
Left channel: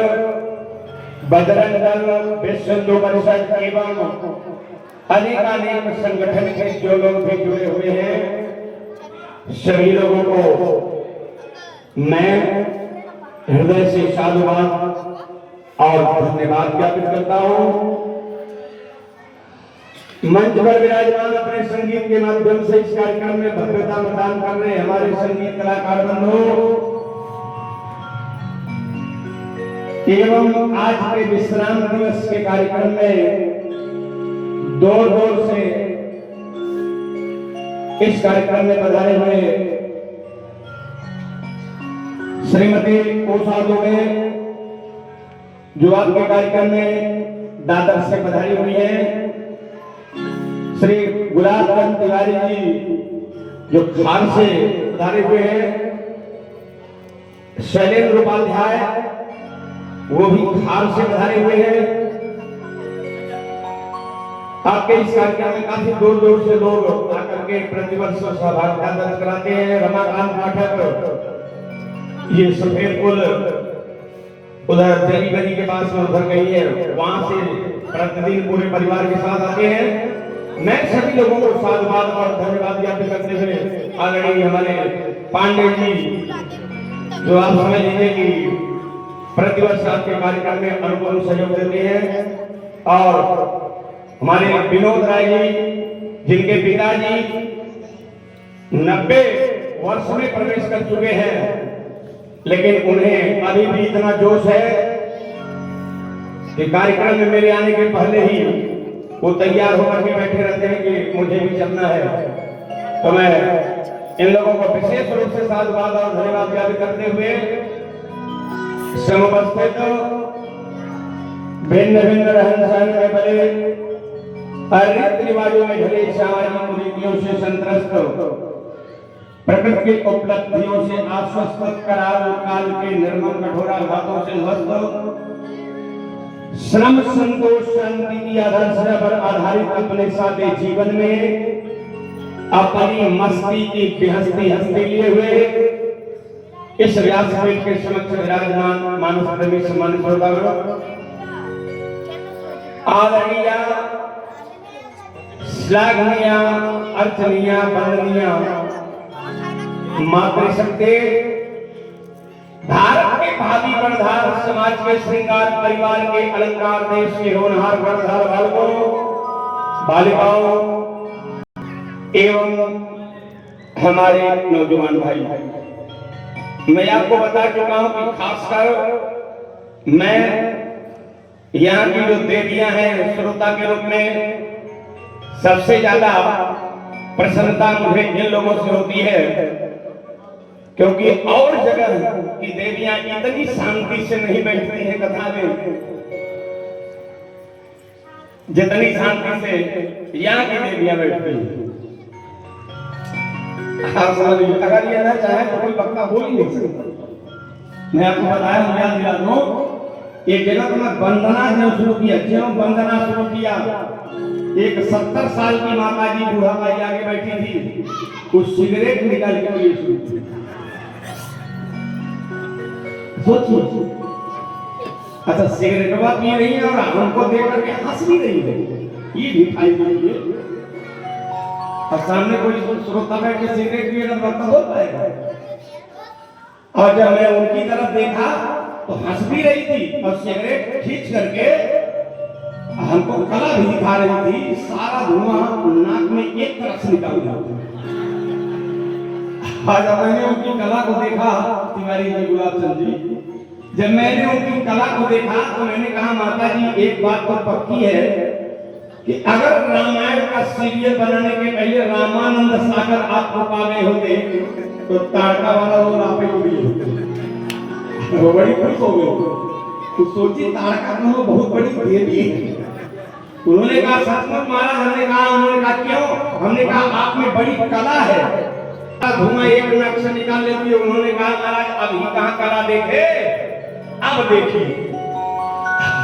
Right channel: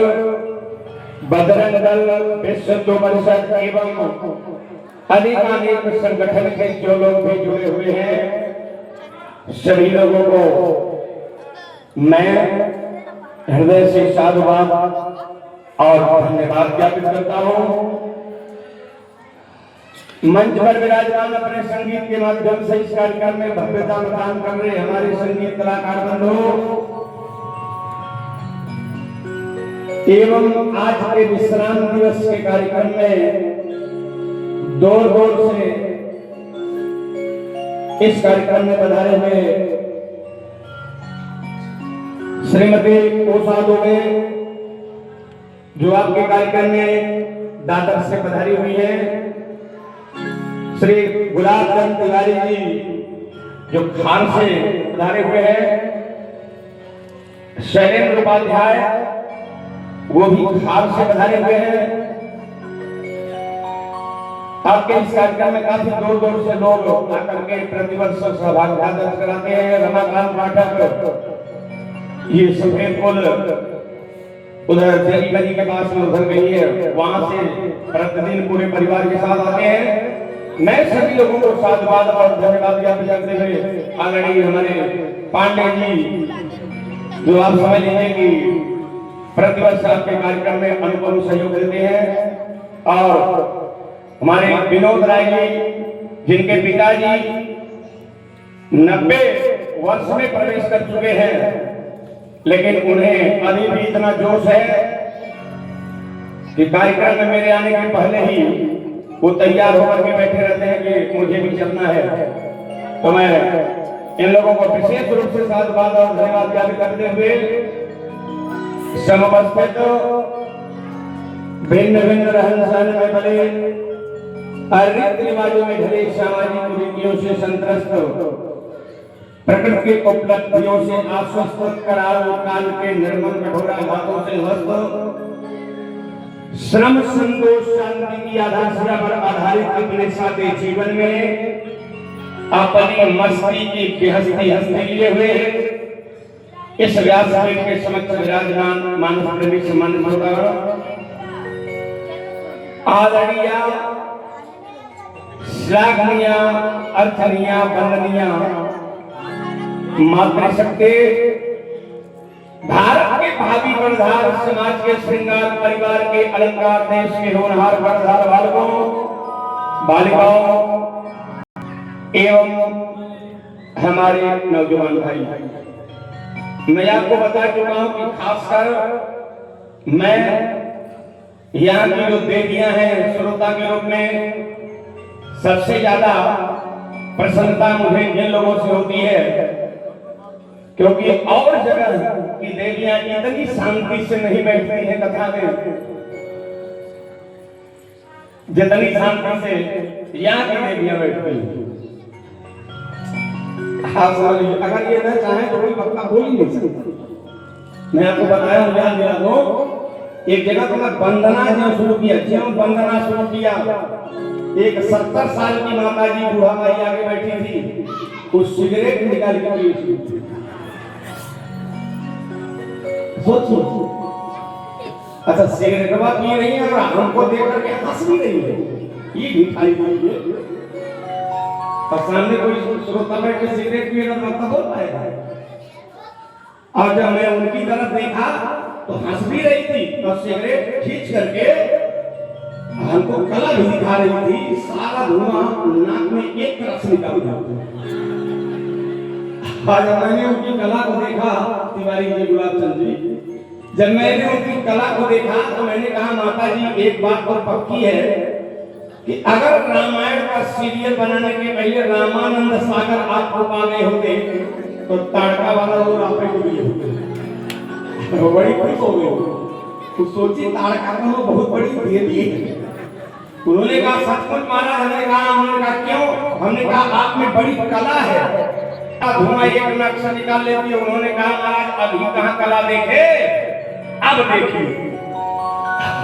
बजरंग दल, विश्व हिंदू परिषद एवं अनेक संगठन के जो लोग भी जुड़े हुए हैं, सभी लोगों को मैं हृदय से साधुवाद और धन्यवाद ज्ञापित करता हूं। मंच पर विराजमान अपने संगीत के माध्यम से इस कार्यक्रम में भव्यता प्रदान कर रहे हमारे संगीत कलाकार बंधुओं एवं आज के विश्राम दिवस के कार्यक्रम में दूर दूर से इस कार्यक्रम में पधारे हुए श्रीमती उषा दुबे जो आपके कार्यक्रम में दादर से पधारी हुई है, श्री गुलाब चंद तिवारी जी जो खान से पधारे हुए हैं, शैलेंद्र उपाध्याय वो भी खान से पधारे हुए हैं। आपके इस कार्यक्रम में काफी दूर दूर से लोग आकर के प्रतिवर्ष सहभागिता दर्ज कराते हैं। रमाकांत पाठक ये सफेद पुल उधर देवी के पास में उधर गई है, वहां से प्रतिदिन पूरे परिवार के साथ आते हैं। मैं सभी लोगों को साधुवाद और धन्यवाद ज्ञापित करते हुए आदरणीय हमारे पांडे जी जो आप समझ लीजिए कि प्रतिवर्ष आपके कार्यक्रम में अनुपम सहयोग देते हैं, और हमारे विनोद राय जी जिनके पिताजी 90 वर्ष में प्रवेश कर चुके हैं, लेकिन उन्हें अभी भी इतना जोश है कि कार्यक्रम में मेरे आने के पहले ही वो तैयार होकर के बैठे रहते हैं कि मुझे भी चलना है। तो मैं इन लोगों को विशेष रूप से साधुवाद और धन्यवाद ज्ञापित करते हुए समुपस्थित भिन्न भिन्न रहन सहन में बने रीति रिवाजों में ढले सामाजिक कुरीतियों से संत्रस्त प्रकृति की उपलब्धियों से आश्वस्त कराओ काल के निर्मम कठोर आघातों से ध्वस्त श्रम संतोष शांति की आधारशिला पर आधारित अपने सादे जीवन में अपनी मस्ती की बेहस्ती हस्ती लिए हुए इस व्यासपीठ के समक्ष विराजमान मानस प्रेमी सम्मानित श्रोतागण, आदरणीय श्लाघनीय अर्थनीय वंदनीय मातृशक्ति भारत के भावी कर्णधार समाज के श्रृंगार परिवार के अलंकार देश के होनहार कर्णधार बालकों बालिकाओं एवं हमारे नौजवान भाई, मैं आपको बता चुका हूं कि खासकर मैं यहाँ की जो देवियां हैं श्रोता के रूप में सबसे ज्यादा प्रसन्नता मुझे इन लोगों से होती है, क्योंकि और जगह की देवियां इतनी शांति से नहीं बैठती हैं कथा में जितनी शांति से यहाँ की देवियां बैठती हैं। अगर ये ना चाहे तो कोई पक्का बोल ही नहीं सकता। मैं आपको बताया ध्यान दिला दो, एक जगह तो मैं वंदना जो शुरू किया, जीवन वंदना शुरू किया, एक 70 साल की माता जी बूढ़ा माई आगे बैठी थी, कुछ सिगरेट निकाल के सोचिए, अच्छा सिगरेट पी रही है और हमको देख करके हंस भी रही है, ये दिखाई दे और सामने कोई श्रोता बैठ के सिगरेट पिएगा तो हो पाएगा। और जब मैं उनकी तरफ देखा तो हंस भी रही थी और सिगरेट खींच करके हमको कला भी दिखा रही थी, सारा धुआं नाक में एक तरफ से निकल रहा। आज मैंने उनकी कला को देखा, तिवारी जी गुलाब चंद जी, जब मैंने उनकी कला को देखा तो मैंने कहा माता जी एक बात तो पक्की है कि अगर रामायण का सीरियल बनाने के पहले रामानंद सागर आपको पा गए होते तो ताड़का वाला रोल आप ही को भी होते। वो बड़ी खुश हो गई, तो सोची ताड़का का वो बहुत बड़ी देवी है। उन्होंने कहा सचमुच महाराज, हमने कहा, उन्होंने कहा क्यों? हमने कहा आप में बड़ी कला है, धुआं एक नक्श निकाल लेती है। उन्होंने कहा महाराज अभी कहाँ कला देखे, अब देखिए।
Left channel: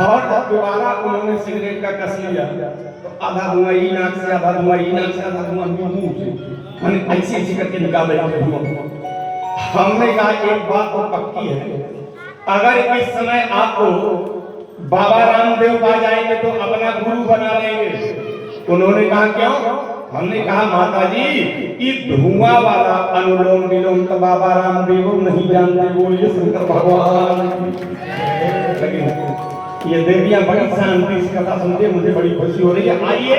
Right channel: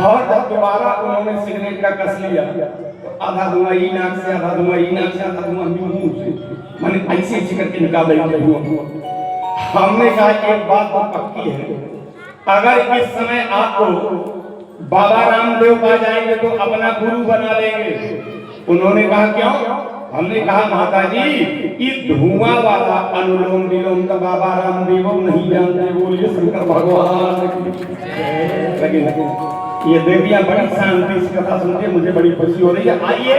और जब दोबारा उन्होंने सिगरेट का कस लिया, आधा धुआं ई नाक से, आधा धुआं ई नाक से, आधा धुआं मुंह से, मैंने ऐसे ऐसे करके निकाल लिया धुआं। हमने कहा एक बात तो पक्की है, अगर इस समय आपको बाबा रामदेव पा जाएंगे तो अपना गुरु बना लेंगे। उन्होंने कहा क्यों? हमने कहा माता जी कि धुआं वाला अनुलोम विलोम तो बाबा रामदेव नहीं जानते, बोलिए शंकर भगवान की। लेकिन ये देवियां बड़ी शांति से कथा सुनते, मुझे बड़ी खुशी हो रही है। आइए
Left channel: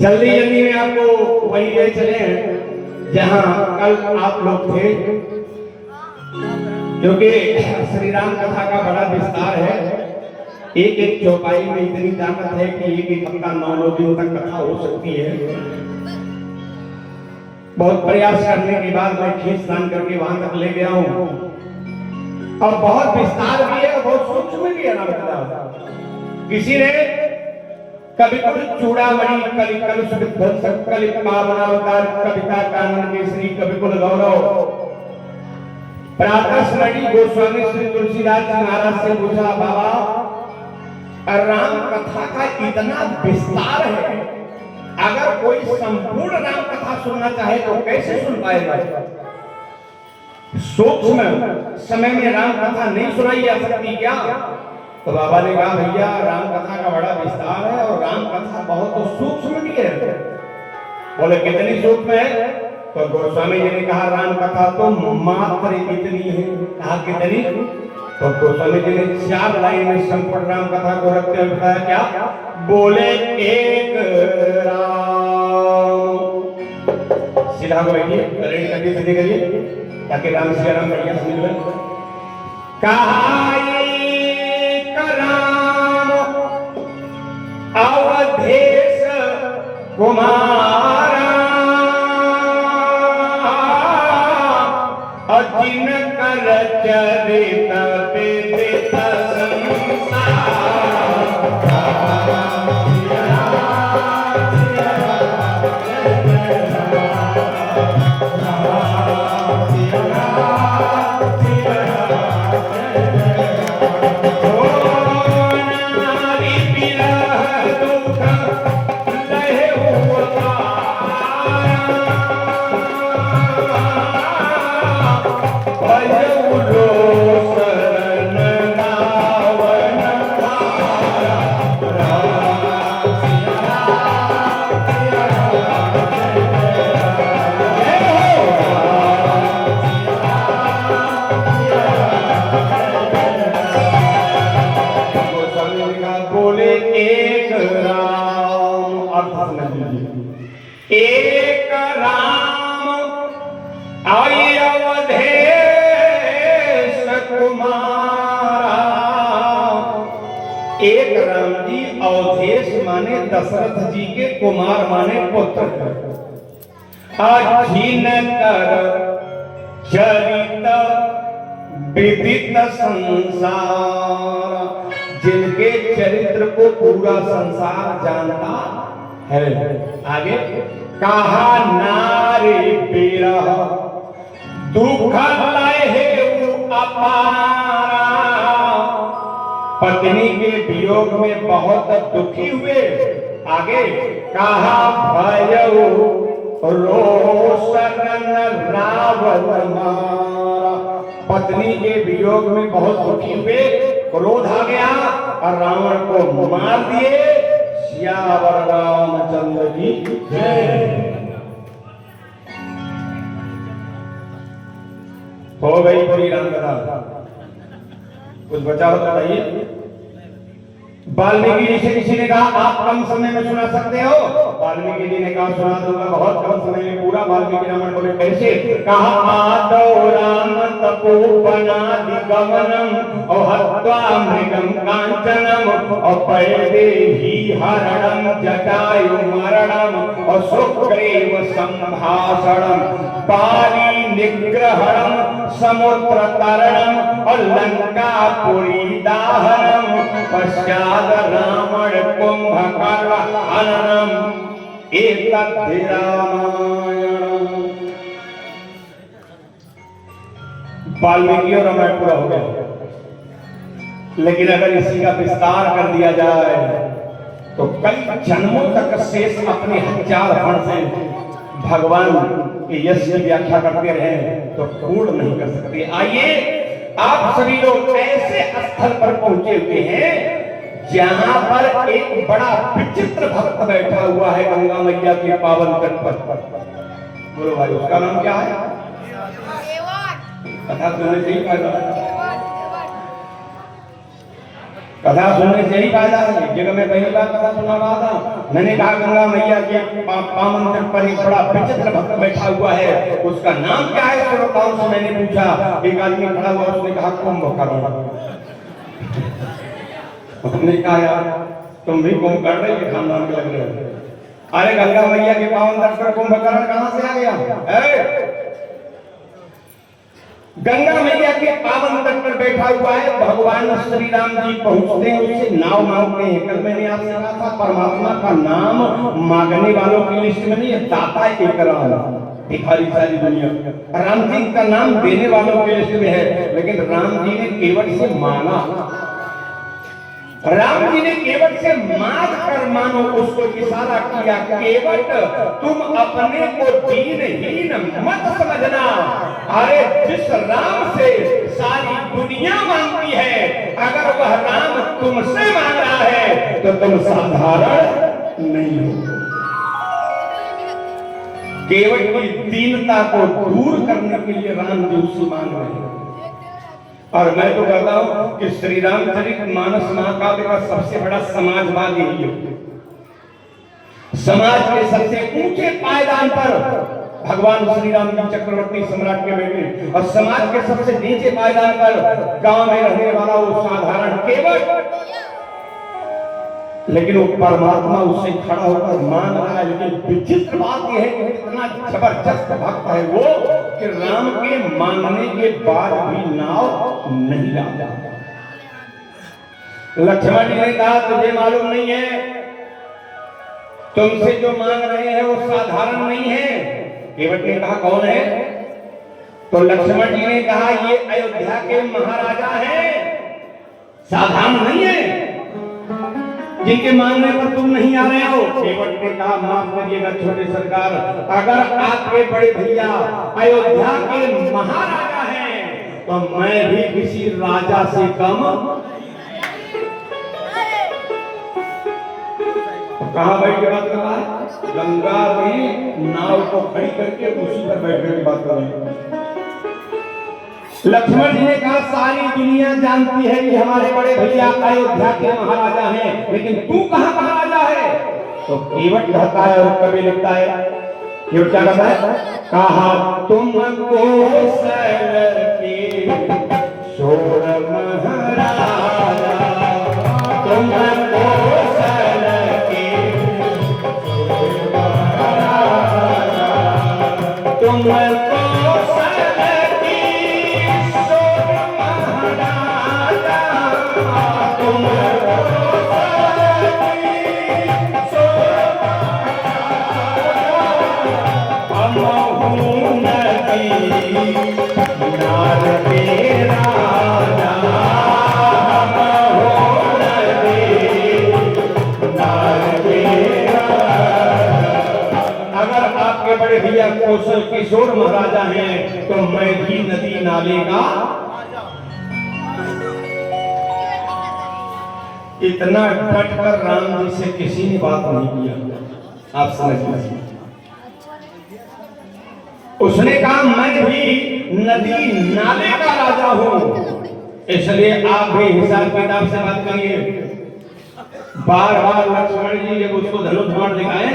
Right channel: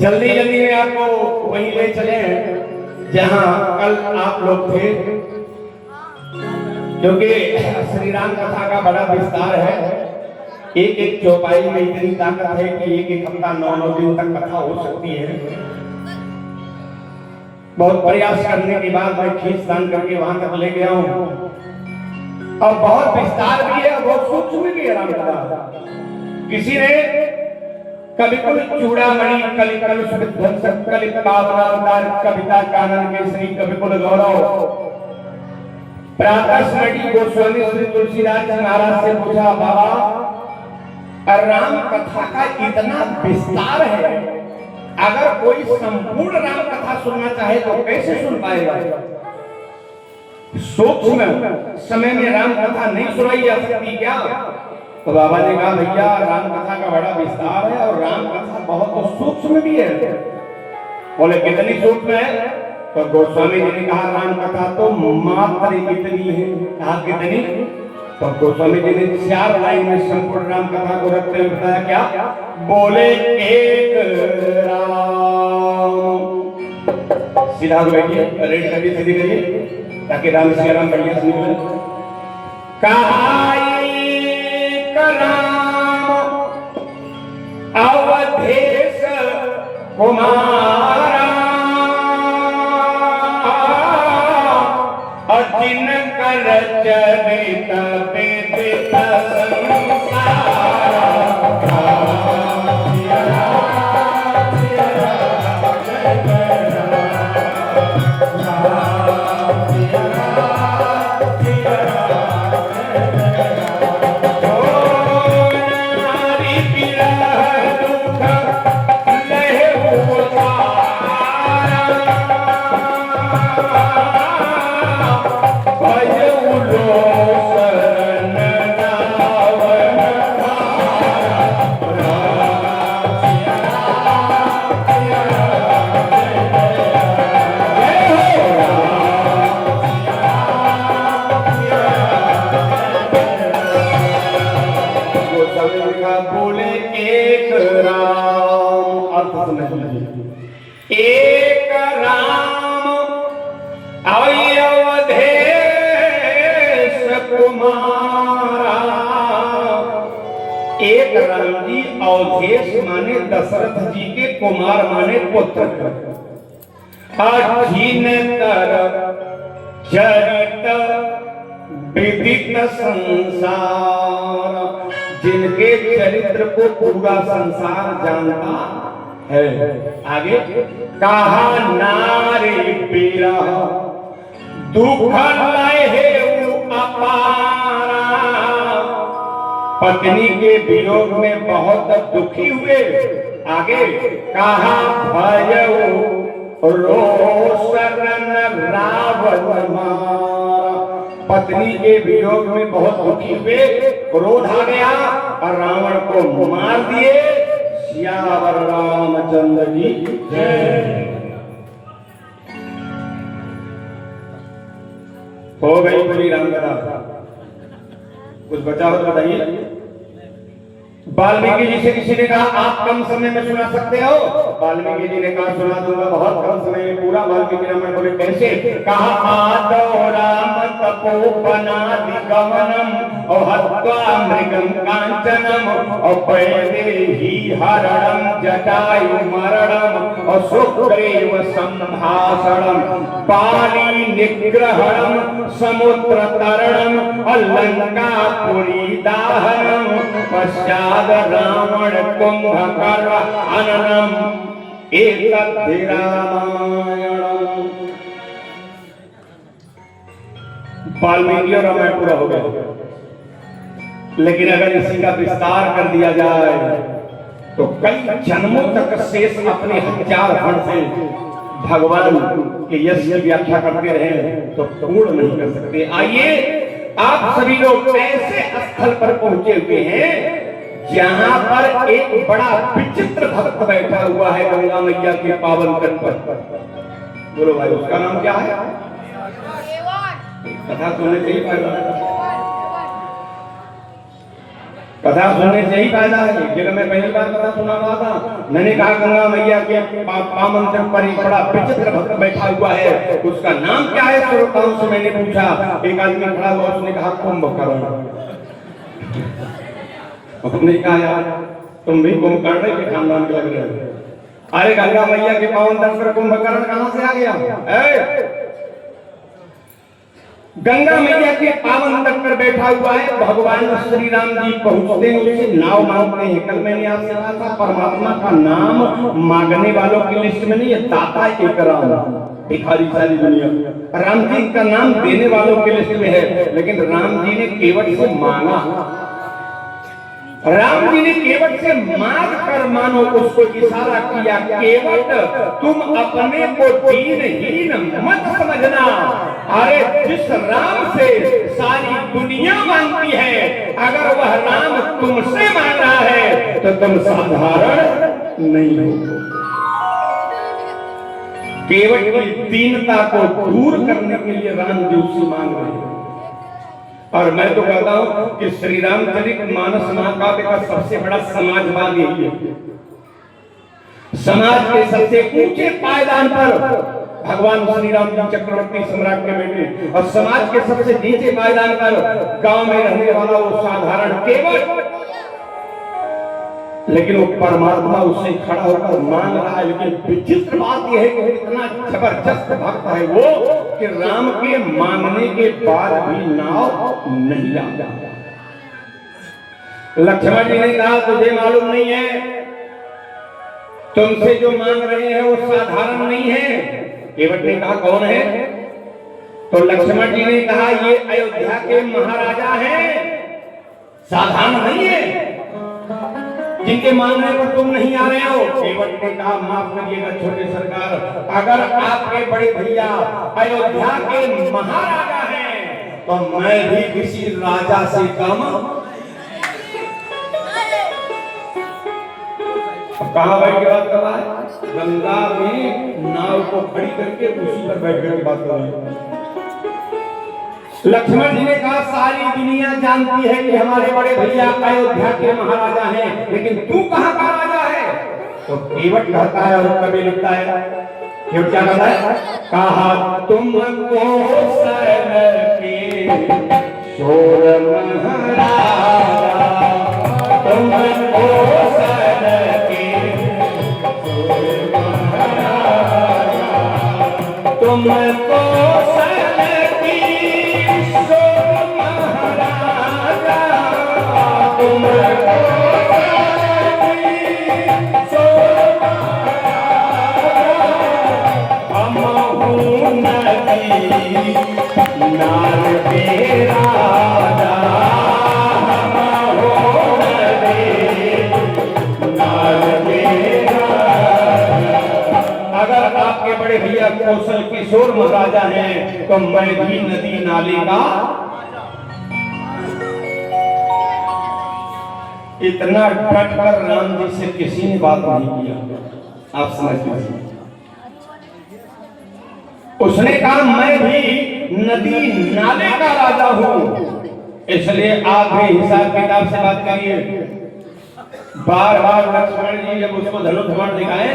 जल्दी जल्दी में आपको वहीं ले चले जहां कल आप लोग थे, क्योंकि श्री राम कथा का बड़ा विस्तार है। एक एक चौपाई में इतनी ताकत है कि एक एक हफ्ता 9 दिन तक कथा हो सकती है। बहुत प्रयास करने के बाद मैं खींचतान करके वहां तक ले गया हूं, और बहुत विस्तार भी है, बहुत सूक्ष्म भी है राम कथा। किसी ने कवि कुल चूड़ामणि कलि कलुष विध्वंसक कलि पावनावतार कविता कानन के श्री कवि कुल गौरव प्रातः स्मृति गोस्वामी श्री तुलसीदास जी महाराज से पूछा, बाबा राम कथा का इतना विस्तार है, अगर कोई संपूर्ण राम कथा सुनना चाहे तो कैसे सुन पाएगा? सूक्ष्म समय में राम कथा नहीं सुनाई जा सकती क्या? तो बाबा ने कहा, भैया राम कथा का बड़ा विस्तार है और राम कथा बहुत सूक्ष्म भी है। बोले कितनी सूक्ष्म है? तो गोस्वामी जी ने कहा, राम कथा तो मात्र इतनी है। कहा कितनी? तो गोस्वामी जी ने 4 लाइन में संपूर्ण राम कथा को रखते हुए बताया, क्या? बोले एक राम। सीधा बैठिए, रेड करके सीधे करिए ताकि राम सिया राम बढ़िया सुनिए। कहा एक राम अवधेश कुमार अजिन कर चरित विदित एक राम अवधेश कुमारा। एक राम जी अवधेश माने दशरथ जी के, कुमार माने पुत्र। अजिन कर चरित विदित संसार, जिनके चरित्र को पूरा संसार जानता है। आगे कहा नारी विरह दुख लहे अपारा, पत्नी के वियोग में बहुत दुखी हुए। आगे कहा भयउ रोषन रावण मारा, पत्नी के वियोग में बहुत दुखी हुए, क्रोध आ गया और रावण को मार दिए। सियावर रामचंद्र की जय। हो गई पूरी रामकथा। कुछ बचा हो तो बताइए। वाल्मीकि जी से किसी ने कहा आप कम समय में सुना सकते हो? वाल्मीकि जी ने कहा सुना दूंगा, बहुत कम समय में पूरा। वाल्मीकि रामायण बोले कैसे? कहा आदौ राम तपोवनादि गमनम और हत्वा मृगम कांचनम और वैदेही हरणम जटायु मरणम और सुग्रीव संभाषणम बाली निग्रहणम समुद्र तरणम और लंका पुरी दाहनम पश्चात रावण कुंभकर्ण हननम एतद्धि रामायणम। वाल्मीकि और रामायण पूरा हो गया। लेकिन अगर इसी का विस्तार कर दिया जाए तो कई जन्मों तक शेष अपने हथियार फण से भगवान के यश की व्याख्या करते रहे तो पूर्ण नहीं कर सकते। आइए आप सभी लोग ऐसे स्थल पर पहुंचे हुए हैं जहां पर एक बड़ा विचित्र भक्त बैठा हुआ है गंगा मैया के पावन तट पर। बोलो भाई, उसका नाम क्या है? कथा सुनने से ही फायदा है, कथा सुनने से ही फायदा है। एक जगह मैं पहली बार कथा सुना रहा था, मैंने कहा गंगा मैया के पावन तट पर एक बड़ा विचित्र भक्त बैठा हुआ है, उसका नाम क्या है? श्रोताओं से मैंने पूछा, एक आदमी खड़ा हुआ, उसने कहा कुंभकर्ण। हमने कहा यार तुम भी कुंभकर्ण के खानदान के लग रहे हो। अरे गंगा मैया के पावन तट पर कुंभकर्ण कहां से आ गया? गंगा मैया के पावन तट पर बैठा हुआ है भगवान श्री राम जी। पहुंचते हैं, उससे नाव मांगते हैं। कल मैंने आपसे कहा था परमात्मा का नाम मांगने वालों की लिस्ट में नहीं है, दाता एक राम, भिखारी सारी दुनिया। राम जी का नाम देने वालों की लिस्ट में है, लेकिन राम जी ने केवट से मांगा। राम जी ने केवट से मांग कर मानो उसको इशारा किया, केवट तुम अपने को दीनहीन मत समझना। अरे जिस राम से सारी दुनिया मांगती है, अगर वह राम तुमसे मांग रहा है तो तुम साधारण नहीं हो। केवट की दीनता को दूर करने के लिए राम जी उससे मांग रहे हैं। और मैं तो कहता हूं कि श्री रामचरितमानस महाकाव्य का सबसे बड़ा समाजवाद यही है। समाज के सबसे ऊंचे पायदान पर भगवान श्री राम जी चक्रवर्ती सम्राट के बेटे, और समाज के सबसे नीचे पायदान पर गांव में रहने वाला वो साधारण केवट, लेकिन वो परमात्मा उससे खड़ा होकर मांग रहा है। लेकिन विचित्र बात यह है कि इतना जबरदस्त भक्त है वो कि राम के मांगने के बाद भी नाव नहीं लाता। लक्ष्मण जी ने कहा तुझे मालूम नहीं है, तुमसे जो मांग रहे हैं वो साधारण नहीं है। केवट ने कहा कौन है? तो लक्ष्मण जी ने कहा ये अयोध्या के महाराजा हैं, साधारण नहीं है जिनके मांगने पर तुम नहीं आ रहे हो। केवट ने कहा माफ करिएगा छोटे सरकार, अगर आपके बड़े भैया अयोध्या के महाराजा हैं तो मैं भी किसी राजा से कम। कहां बैठ के बात कर रहा है? गंगा में नाव को खड़ी करके उसी पर बैठ कर बात कर रहे हैं। लक्ष्मण जी ने कहा सारी दुनिया जानती है कि हमारे बड़े भैया अयोध्या के महाराजा हैं, लेकिन तू कहां का राजा है? तो केवट कहता है, और कवि लिखता है, केवट क्या कहता है? कहा तुमको सर के शोर महाराजा, तुमको सर के शोर महाराजा, तुमको भैया कौशल किशोर महाराजा हैं तो मैं भी नदी नाले का। इतना डट कर राम जी से किसी ने बात नहीं किया। आप समझ लीजिए, उसने कहा मैं भी नदी नाले का राजा हूं, इसलिए आप भी हिसाब किताब से बात करिए। बार बार लक्ष्मण जी जब उसको धनुष बाण दिखाए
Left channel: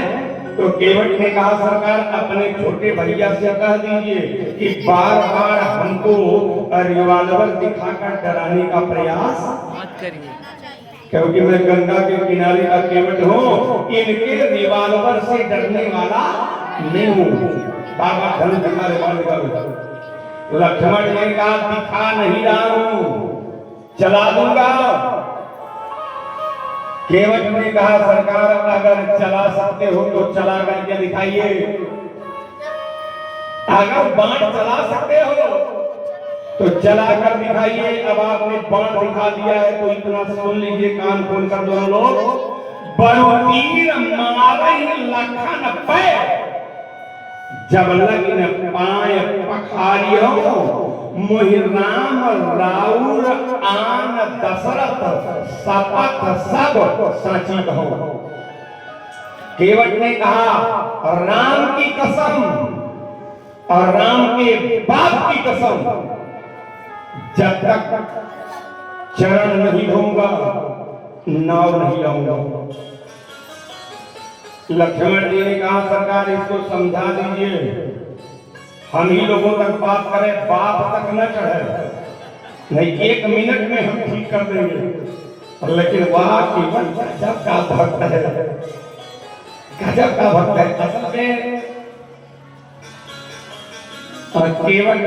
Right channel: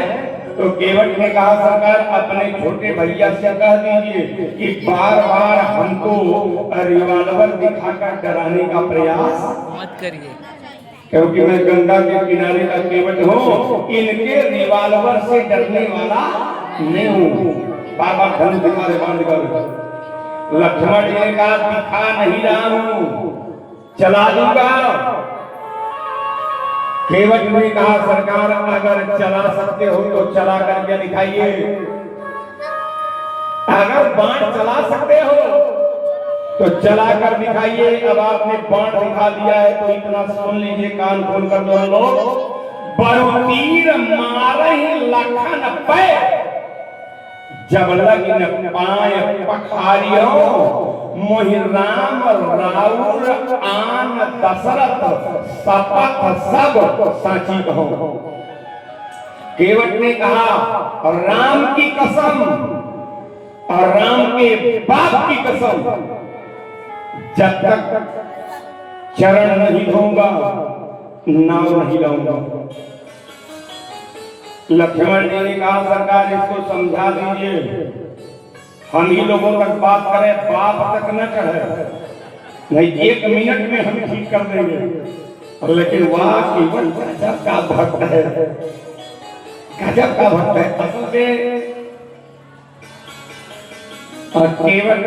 तो केवट ने कहा सरकार अपने छोटे भैया से कह दीजिए कि बार बार हमको रिवाल्वर दिखाकर डराने का प्रयास मत करिए, क्योंकि मैं गंगा के किनारे का केवट हूँ, इनके रिवाल्वर से डरने वाला नहीं हूँ। बाबा धनुष दिखा दे, बाण दिखा दे। लक्ष्मण जी ने कहा दिखा नहीं रहा हूँ, चला दूंगा। केवट ने कहा सरकार अगर चला सकते हो तो चला करके दिखाइए, अगर बाण चला सकते हो तो चला कर दिखाइए। अब आपने बाण दिखा दिया है तो इतना सुन लीजिए, कान खोल कर दोनों लोग। बहुतीर मारहि लखन पे, जब लगिन पाय पखारियो, मोहि राम राउर आन दशरथ शपथ सब साची कहो। केवट ने कहा राम की कसम और राम के बाप की कसम, जब तक चरण नहीं धोऊंगा नाव नहीं लाऊंगा। लक्ष्मण जी ने कहा सरकार इसको समझा दीजिए, हम ही लोगों तक बात करें, बाप तक न चढ़े, नहीं 1 मिनट में हम ठीक कर देंगे। लेकिन वहां केवल गजब का भक्त है, गजब का भक्त है। असल में केवट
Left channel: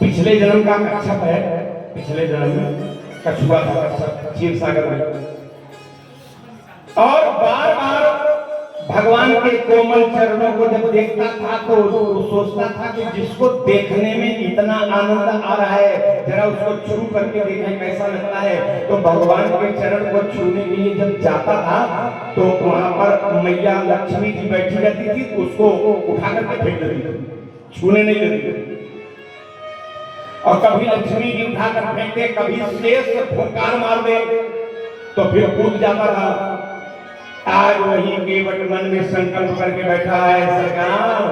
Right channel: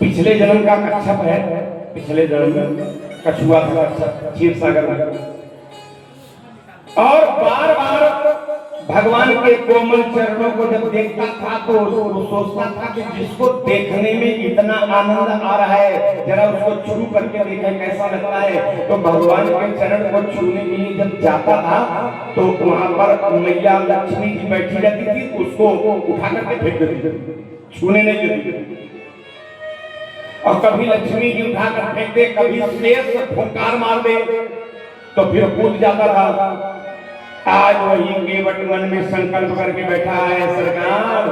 पिछले जन्म का कच्छप है, पिछले जन्म में कछुआ था क्षीर सागर में, और बार बार भगवान के कोमल चरणों को जब देखता था तो सोचता था कि जिसको देखने में इतना आनंद आ रहा है, जरा उसको छू करके देखें कैसा लगता है। तो भगवान के चरण को छूने के लिए जब जाता था तो वहां पर मैया लक्ष्मी जी बैठी रहती थी, तो उसको उठा करके फेंक देती थी, छूने नहीं देती। और कभी लक्ष्मी जी उठा कर फेंक दे, कभी शेष फुंकार मार दे, तो फिर कूद जाता था। आज वही केवट मन में संकल्प करके बैठा है सरकार,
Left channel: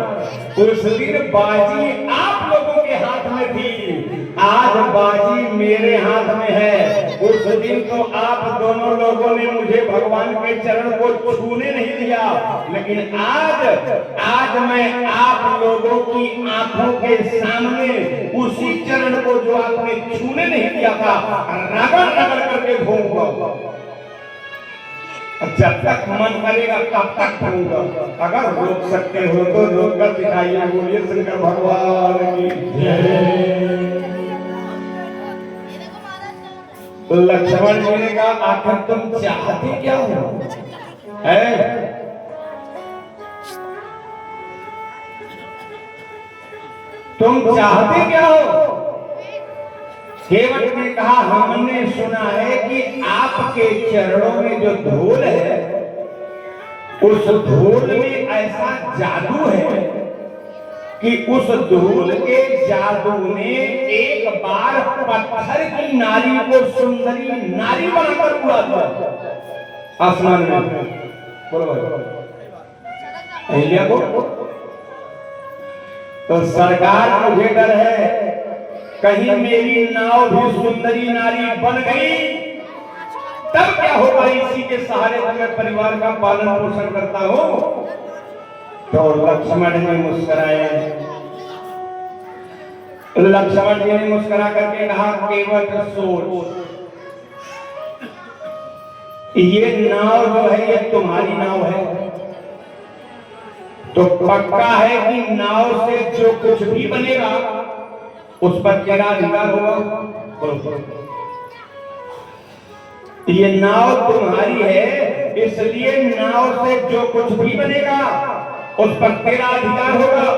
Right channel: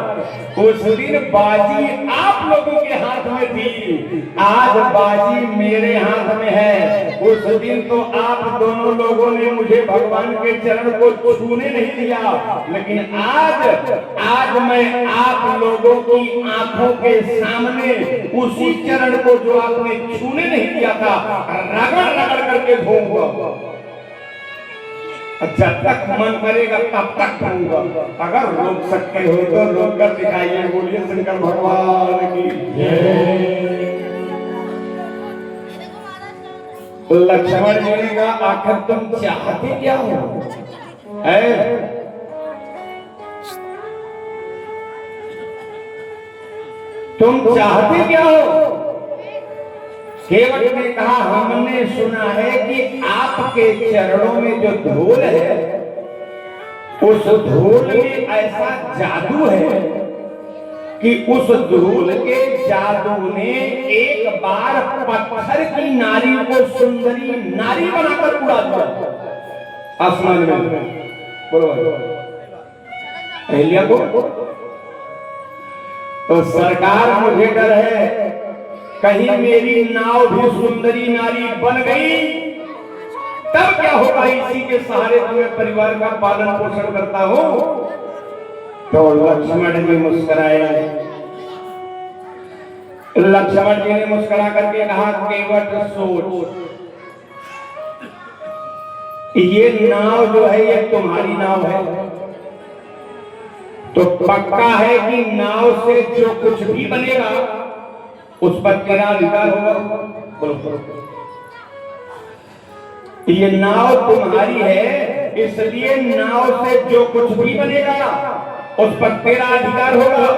उस दिन बाजी आप लोगों के हाथ में थी, आज बाजी मेरे हाथ में है। उस दिन तो आप दोनों लोगों ने मुझे भगवान के चरण को छूने नहीं दिया, लेकिन आज मैं आप लोगों की आंखों के सामने उसी चरण को जो आपने छूने नहीं दिया था रगड़ रगड़ करके धोऊंगा। जब तक मन करेगा तब तक दूंगा, अगर रोक सकते हो तो रोक कर दिखाइए। बोलिए शंकर भगवान की जय। लक्ष्मण जी ने कहा आखिर तुम चाहते क्या हो? तुम चाहते क्या हो? केवट ने कहा हमने सुना है कि आपके चरणों में जो धूल है, उस धूल में ऐसा जादू है कि उस धूल के जादू ने एक बार पत्थर की नारी को सुंदरी नारी बनाकर उड़ा दिया आसमान में। बोलो अहिल्या को। तो सरकार मुझे डर है कहीं मेरी नाव भी सुंदरी नारी बन गई, तब क्या होगा? इसी के सहारे तो मैं परिवार का पालन पोषण करता हूं। तो लक्ष्मण जी मुस्कुराए। लक्ष्मण जी ने मुस्कुरा करके कहा केवट सोच, ये नाव जो है ये तुम्हारी नाव है, तो पक्का है कि नाव से जो कुछ भी बनेगा उस पर तेरा अधिकार होगा। बोलो ये नाव तुम्हारी है, इसलिए नाव से जो कुछ भी बनेगा उस पर तेरा अधिकार होगा।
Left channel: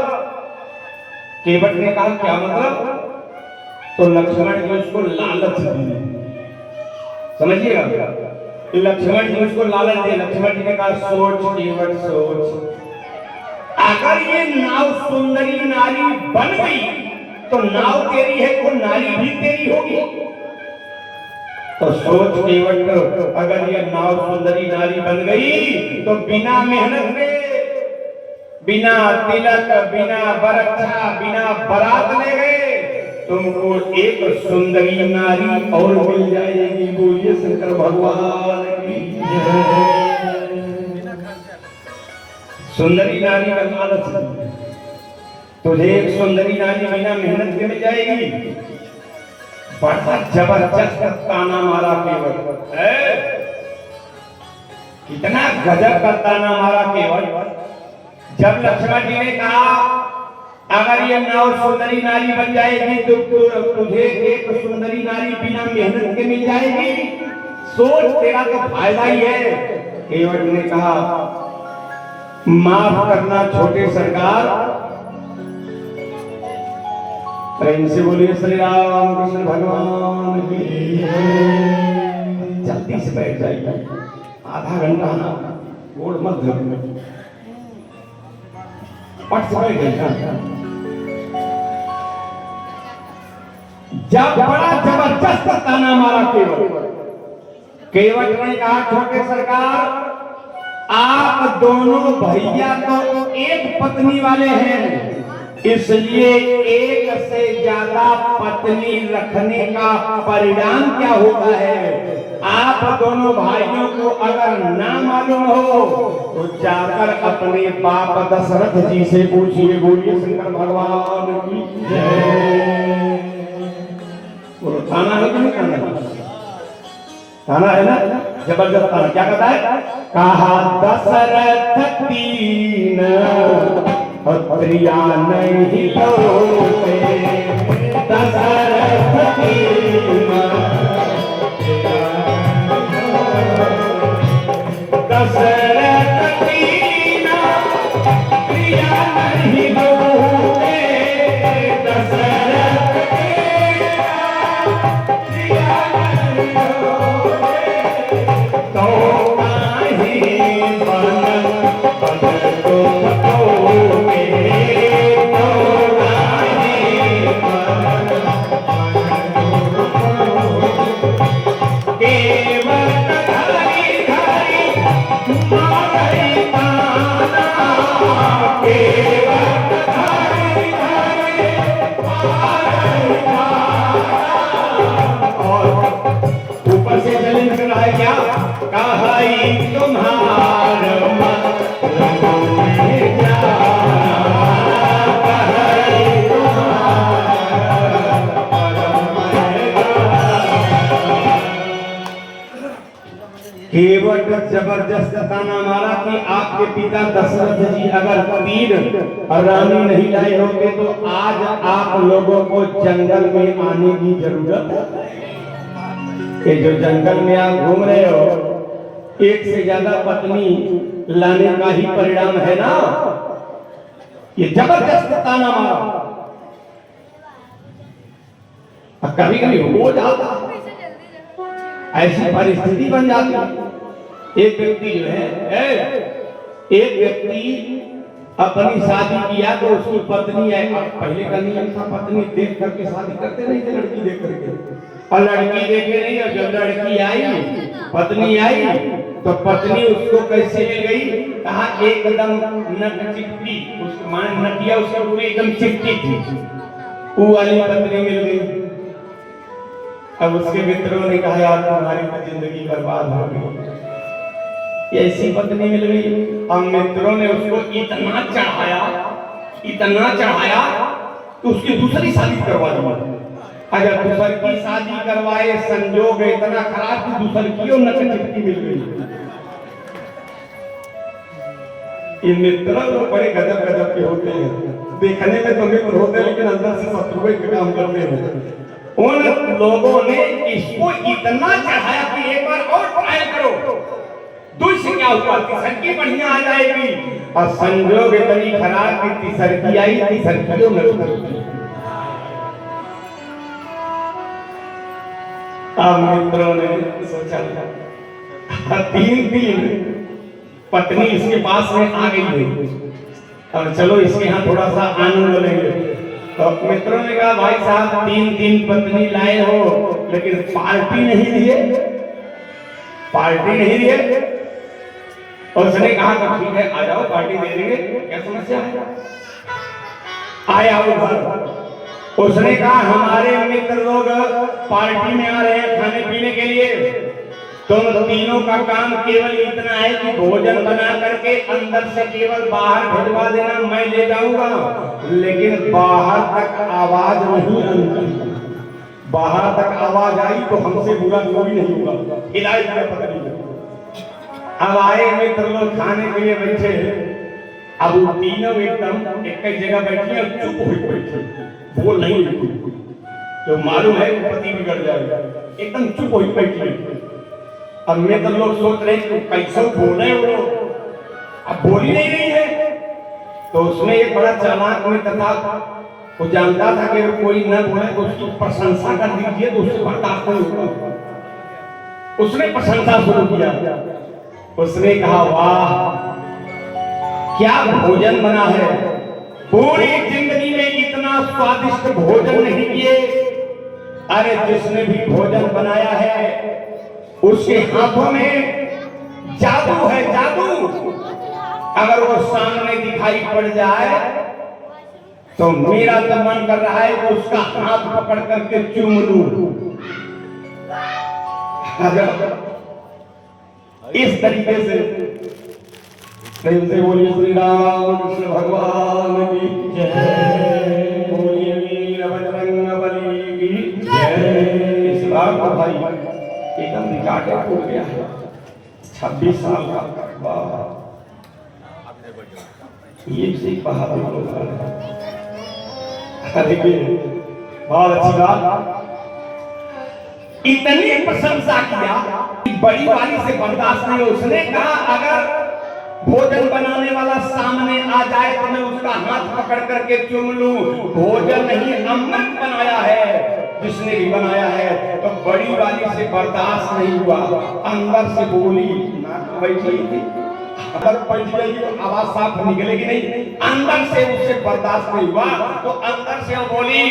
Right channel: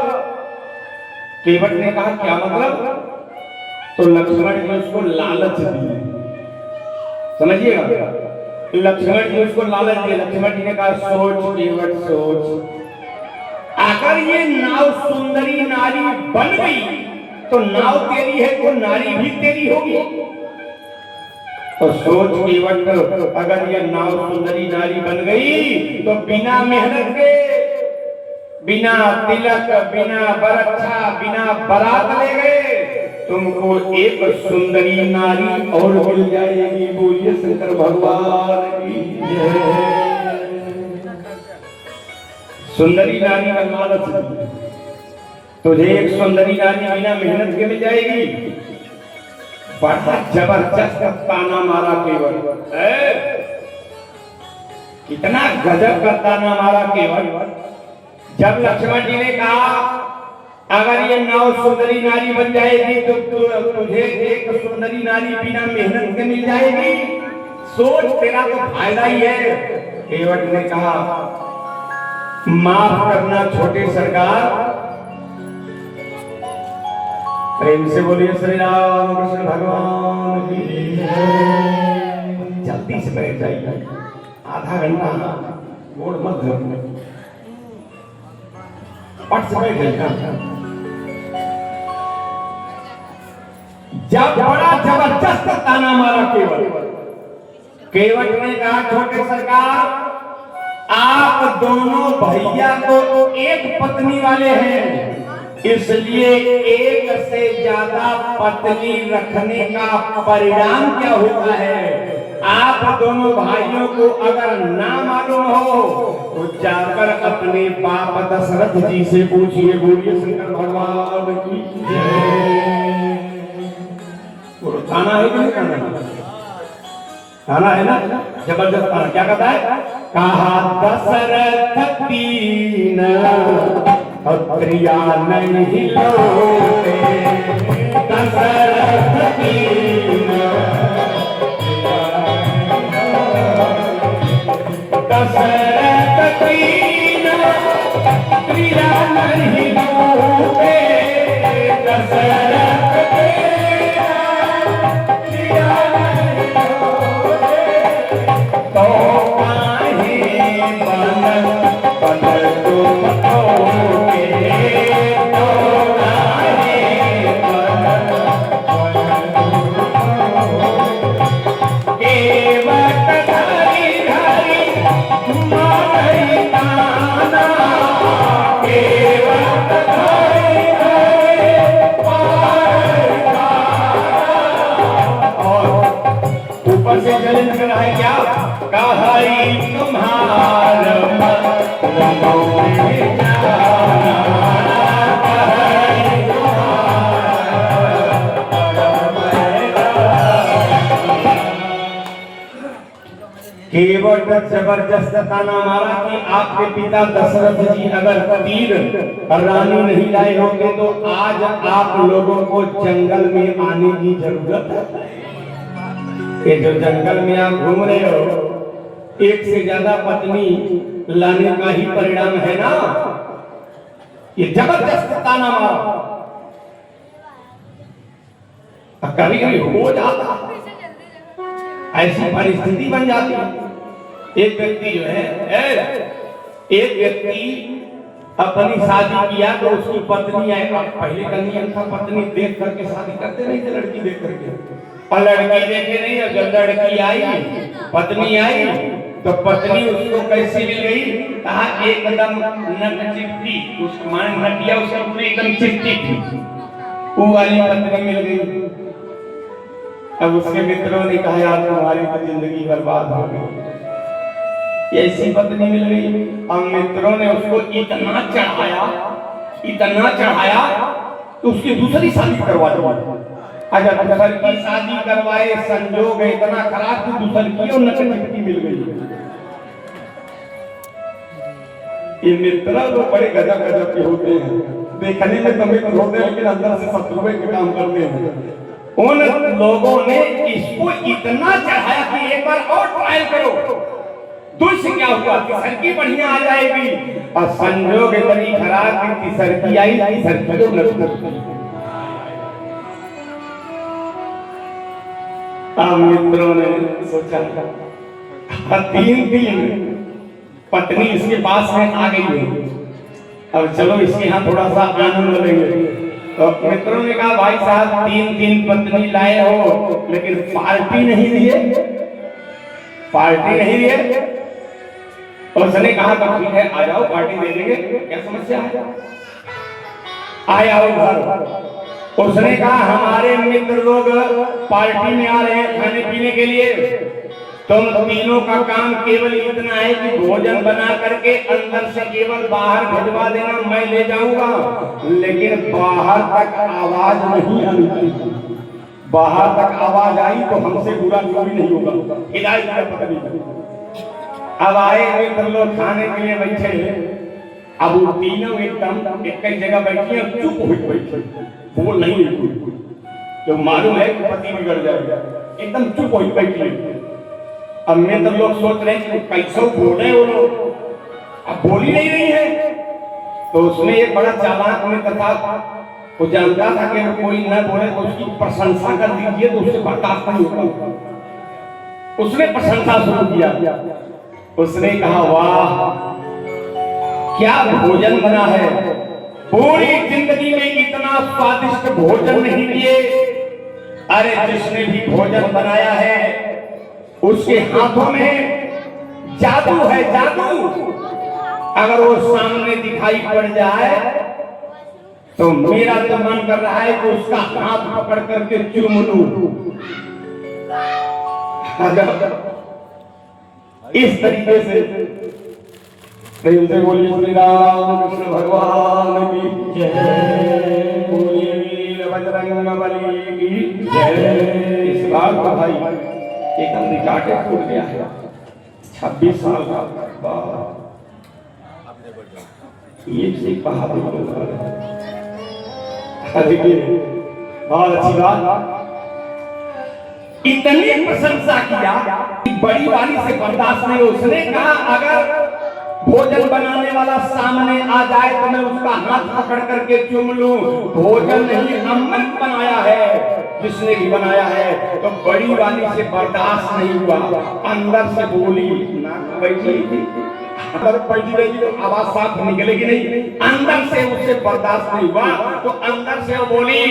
केवट ने कहा क्या मतलब? तो लक्ष्मण जी उसको लालच दिए, समझिएगा, लक्ष्मण जी उसको लालच दिए। लक्ष्मण जी ने कहा सोच केवट सोच, अगर ये नाव सुंदरी नारी बन गई तो नाव तेरी है तो नारी भी तेरी होगी। तो सोच केवट, अगर ये नाव सुंदरी नारी बन गई तो बिना मेहनत के, बिना तिलक, बिना बरच्छा, बिना बारात ले गए तुमको एक सुंदरी नारी और मिल जाएगी। बोलिए शंकर भगवान की जय। सुंदरी नारी का लालच, तुझे एक सुंदरी नारी बिना मेहनत के मिल जाएगी। बड़ा जबरदस्त ताना मारा केवट, कितना गजब का ताना मारा केवट। जब लक्ष्मण जी ने कहा अगर ये नाव सुंदरी नारी बन जाएगी तो तुझे एक सुंदरी नारी बिना मेहनत के मिल जाएगी, सोच तेरा तो फायदा ही है। केवट ने कहा माफ करना छोटे सरकार। प्रेम से बोलिए श्री राम कृष्ण भगवान की जय। जल्दी से बैठ जाइए, आधा घंटा गोड़ मत धो, पट से बैठ जाइए। जब बड़ा जबरदस्त ताना मारा केवट ने कहा छोटे सरकार आप दोनों भैया तो एक पत्नी वाले हैं, इसलिए एक से ज्यादा पत्नी रखने का परिणाम क्या होता है आप दोनों भाइयों को अगर ना मालूम हो तो जाकर अपने बाप दशरथ जी से पूछिए। बोलिए शंकर भगवान की जय। वो थाना है कि नहीं थाना है ना, जबरदस्त थाना। क्या कहता है? कहा दशरथ तीन प्रिया नहीं लोटे, दशरथ तीन दशरथ तीन प्रिया नहीं लोटे, दशरथ प्रिया नहीं लोटे, तो काहे मन बदल दो बताओगे, तो काहे मन केवट धरी धरी मारी ताना, केवट धरी धरी मारी ताना। और ऊपर से चैलेंज कर रहा है क्या? कहाई तुम्हार मन में जाना, कहाई केवट जबरदस्त ताना मारा कि आपके पिता दशरथ जी अगर तीर रानी नहीं लाए होते तो आज आप लोगों को जंगल में आने की जरूरत है। ये जो जंगल में आप घूम रहे हो एक से ज्यादा पत्नी लाने का ही परिणाम है ना। ये जबरदस्त ताना मारा। कभी कभी हो जाता ऐसी परिस्थिति बन जाती है। एक व्यक्ति जो है एक व्यक्ति अपनी शादी किया तो उसकी पत्नी आई। पहले का नियम था पत्नी देख करके शादी करते नहीं थे, लड़की देख करके। और लड़की देखे नहीं, और जब लड़की आई पत्नी आई तो पत्नी उसको कैसे मिल गई? कहा एकदम नक चिपटी, उसको माने नटिया उसका पूरी एकदम चिपटी थी, वो वाली पत्नी मिल गई। अब उसके मित्रों ने कहा यार तुम्हारी तो जिंदगी बर्बाद हो गई, ऐसी पत्नी मिल गई। अब मित्रों ने उसको इतना चढ़ाया तो उसकी दूसरी शादी करवा दी। अगर दूसरी की शादी करवाए, संजोग इतना खराब कि दूसरी की और नक चिपटी मिल गई। ये मित्र तो बड़े गजब गजब के होते हैं, देखने में तो मित्र होते हैं लेकिन अंदर से शत्रुए के काम करते हैं। उन लोगों ने इसको इतना चढ़ाया कि एक बार और ट्रायल करो, दूसरी क्या हुआ? तीसरी बढ़िया आ जाएगी। और संजोग इतनी खराब कि तीसरी आई, तीसरी जो नक। अब मित्रों ने सोचा 3 दिन पत्नी इसके पास में आ गई है, अब चलो इसके यहाँ थोड़ा सा आनंद लेंगे। तो मित्रों ने कहा भाई साहब 3 पत्नी लाए हो लेकिन पार्टी नहीं दिए, पार्टी नहीं दिए। और उसने कहा तो ठीक है आ जाओ पार्टी दे देंगे, क्या समस्या है? आया उधर उसने कहा हमारे मित्र लोग पार्टी में आ रहे हैं खाने पीने के लिए, तुम तीनों का काम केवल इतना है कि भोजन बना करके अंदर से केवल बाहर भिजवा देना, मैं ले जाऊंगा, लेकिन बाहर तक आवाज नहीं आनी। बाहर तक आवाज आई तो हमसे बुरा कोई नहीं होगा। हिदायत है पत्नी। अब आए मित्र लोग खाने के लिए बैठे, अब वो तीनों एकदम एक जगह बैठी और चुप हुई बैठी, बोल नहीं रही। जो मालूम है पति बिगड़ जाएगा, एकदम चुप हुई बैठी। अब मित्र लोग सोच रहे हैं कैसे बोले वो, अब बोली नहीं रही है। तो उसने एक बड़ा चालाक मित्र था, वो जानता था कि कोई न बोले तो उसकी प्रशंसा कर दीजिए तो उससे बर्दाश्त नहीं होगा। उसने प्रशंसा शुरू किया। उसने कहा वाह क्या भोजन बना है, पूरी जिंदगी में इतना स्वादिष्ट भोजन नहीं किए। अरे जिसने भी भोजन बनाया है उसके हाथों में जादू है, जादू। अगर वो सामने दिखाई पड़ जाए तो मेरा तो मन कर रहा है कि उसका हाथ पकड़ करके चूम लूं। इस तरीके से प्रेम से बोलिए श्री राम कृष्ण भगवान की जय, बोलिए वीर बजरंग बली की जय। इस बार तो भाई एकदम निकाटे फूट गया है, 26 साल का ये से पहाड़ देखिए, बहुत अच्छी बात। इतनी प्रशंसा किया, बड़ी वाली से बर्दाश्त नहीं। उसने कहा अगर भोजन बनाने वाला सामने आ जाए तो मैं उसका हाथ पकड़ करके चूम लूं। भोजन नहीं, अमृत बनाया है जिसने भी बनाया है। तो बड़ी वाली से बर्दाश्त नहीं हुआ, अंदर से बोली, ना बैठी थी, अंदर पहुंच गई तो आवाज साफ निकलेगी नहीं। अंदर से उसे बर्दाश्त नहीं हुआ तो अंदर से वो बोली,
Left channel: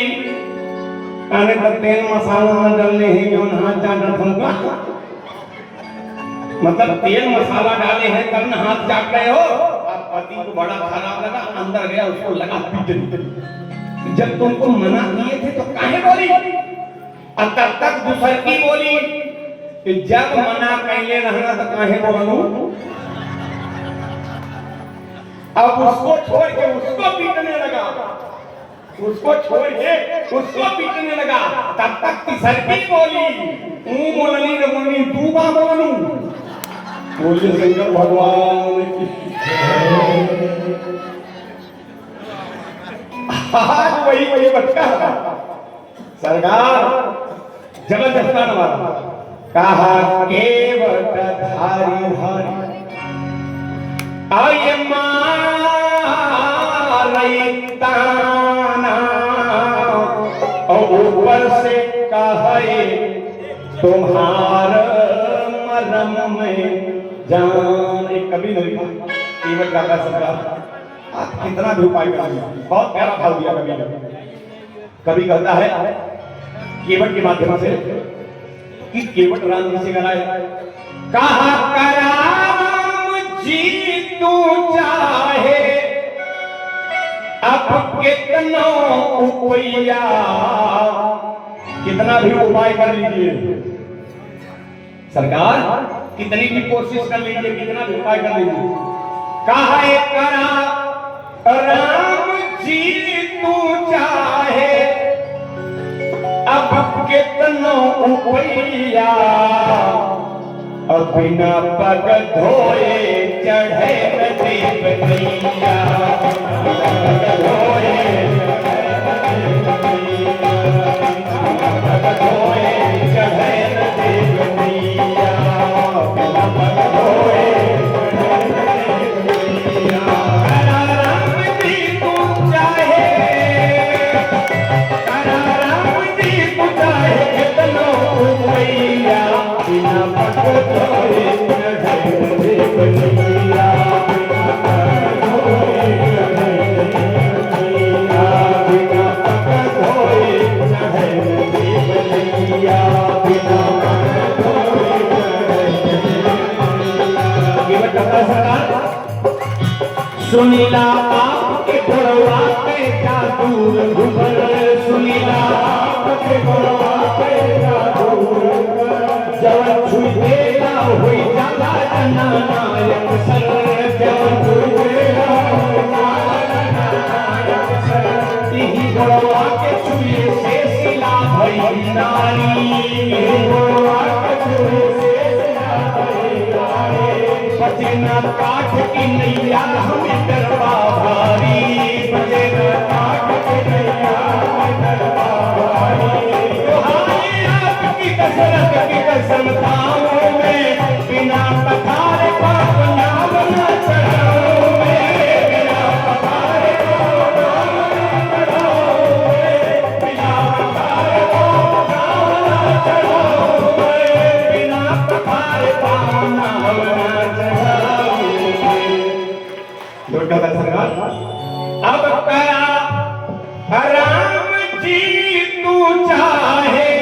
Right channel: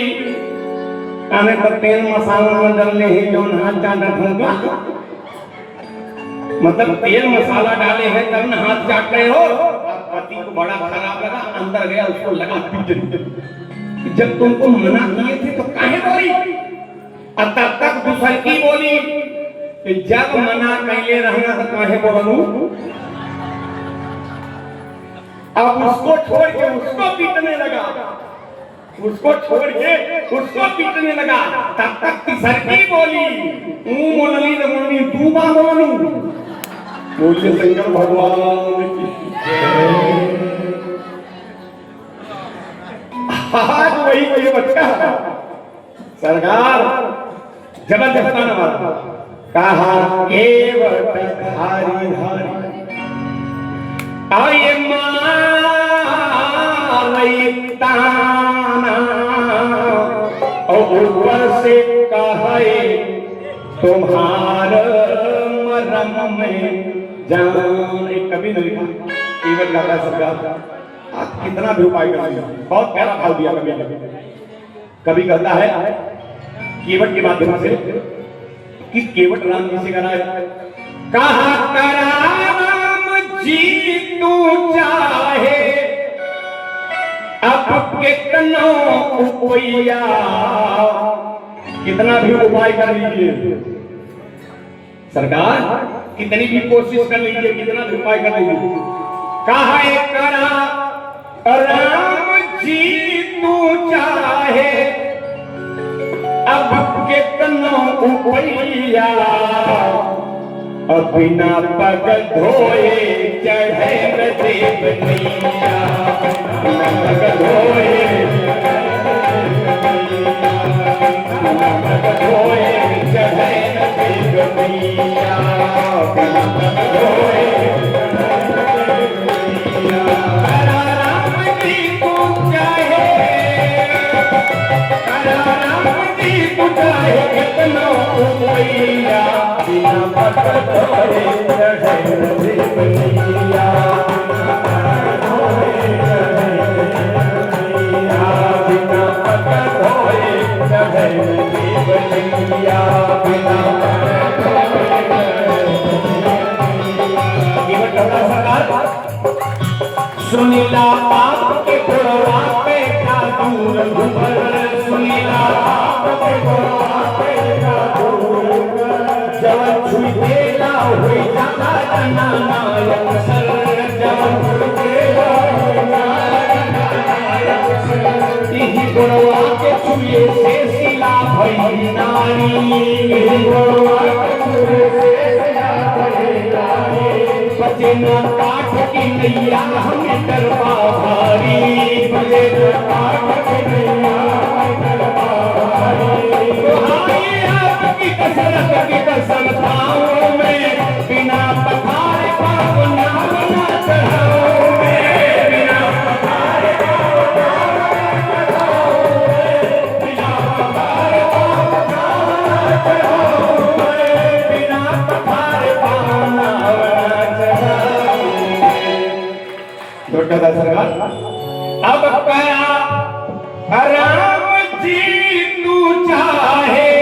अरे तो तेल मसाला डालने ही जो हाथ चाट रखूंगा, मतलब तेल मसाला डाले हैं तब न हाथ चाट रहे हो। पति को बड़ा खराब लगा, अंदर गया, उसको लगा पीटने। जब तुमको मना किए थे तो काहे बोली? अब तब तक दूसर की बोली कि जब मना कैले रहना तो काहे बोलूं। अब उसको छोड़ के उसको पीटने लगा, उसको छोड़ के उसको पीटने लगा। तब तक तीसरी बोली, तू बोलनी न बोलनी, तू का बोलू। बोले शंकर भगवान की वही बच्चा सरकार जबरदस्त कहा केवल धारी धारी आये ताना और ऊपर से कहे तुम्हार मरम में जान। एक कभी नहीं केवल करता है सरकार, कितना भी उपाय कर रही है, बहुत प्यारा भाव दिया। कभी कहता है केवट के माध्यम से कि केवट राम जी से कहना है, कहा कराम जी तू चाहे अब कितना उपाया, कितना भी उपाय कर लीजिए सरकार, कितनी भी कोशिश कर लीजिए, कितना भी उपाय कर लीजिए। कहा करा राम जी तू चाहे अब कितना उपाया, अब बिना पग धोए चढ़े देवनिया, बिना पग धोए चढ़े देवनिया, बिना पग धोए सुनीला आपके घोड़वा पे जादू रघुबर, सुनीला आपके घोड़वा पे जादू, जब छुई देना हुई जाता जना नायक सर, जब छुई देना हुई जाता नायक सर, यही घोड़वा के छुए से सिला भई नारी, यही घोड़वा के छुए से सिला भई नारी, बचे न काठ की नैया हमें करवा भारी, बचे न काठ की नैया हमें करवा भारी, आपकी कसरत की कसमताओं में बिना पखारे पाप नाम न चढ़ाओ में, बिना पखारे पाप नाम न चढ़ाओ में, बिना पखारे पाप नाम न चढ़ाओ में, बिना पखारे पाप नाम न चढ़ाओ। तो कहता सरकार अब कया राम जी तू चाहे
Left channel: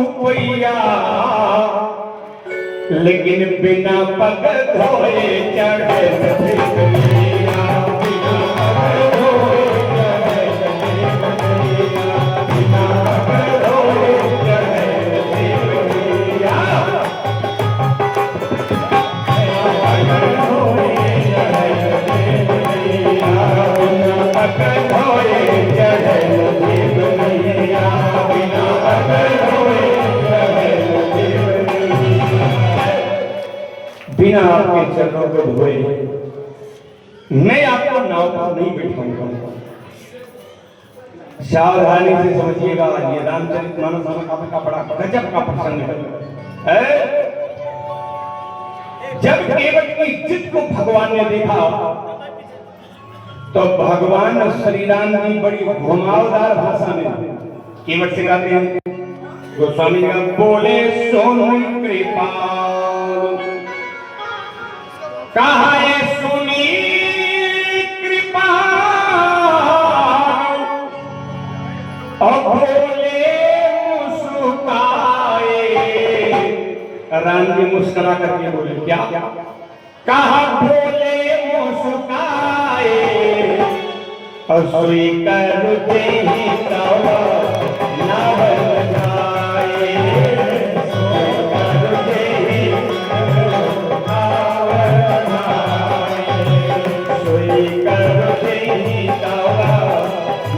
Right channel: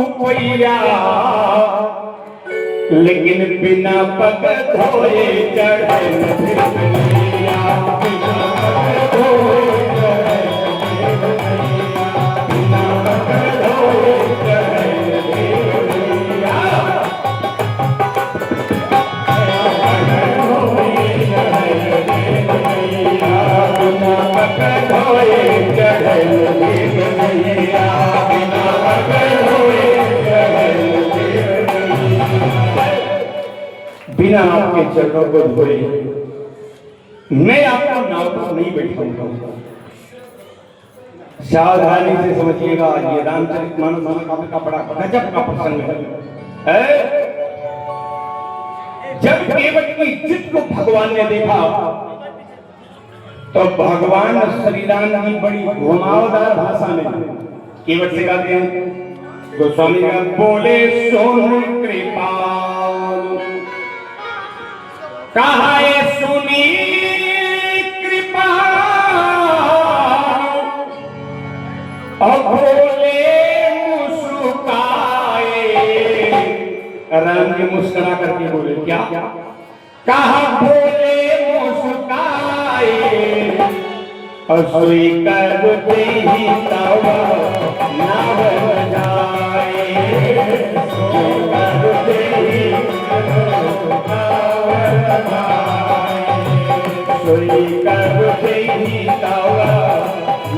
उपैया लेकिन बिना पग धोए चढ़े भिखैया, बिना पग धोए बिना पग धोए चढ़े भिखैया। बिना आपके चरणों को धोए मैं आपको नाव पर नहीं बैठाऊंगा। सावधानी से समझिएगा, ये रामचरितमानस का बड़ा गजब का प्रसंग है। जब केवट की जिद को भगवान ने देखा तो भगवान श्री राम की बड़ी घुमावदार भाषा में केवट से कहते हैं, गोस्वामी का बोले सोनु कृपाल कहा सुनी कृपा बोले मुस्कुराए। राम जी मुस्कुरा करके बोले क्या? कहा बोले मुस्कुराए स्वीकार करते ही तब ना बन जाए, स्वीकार करते ही स्वीकार करते ही तब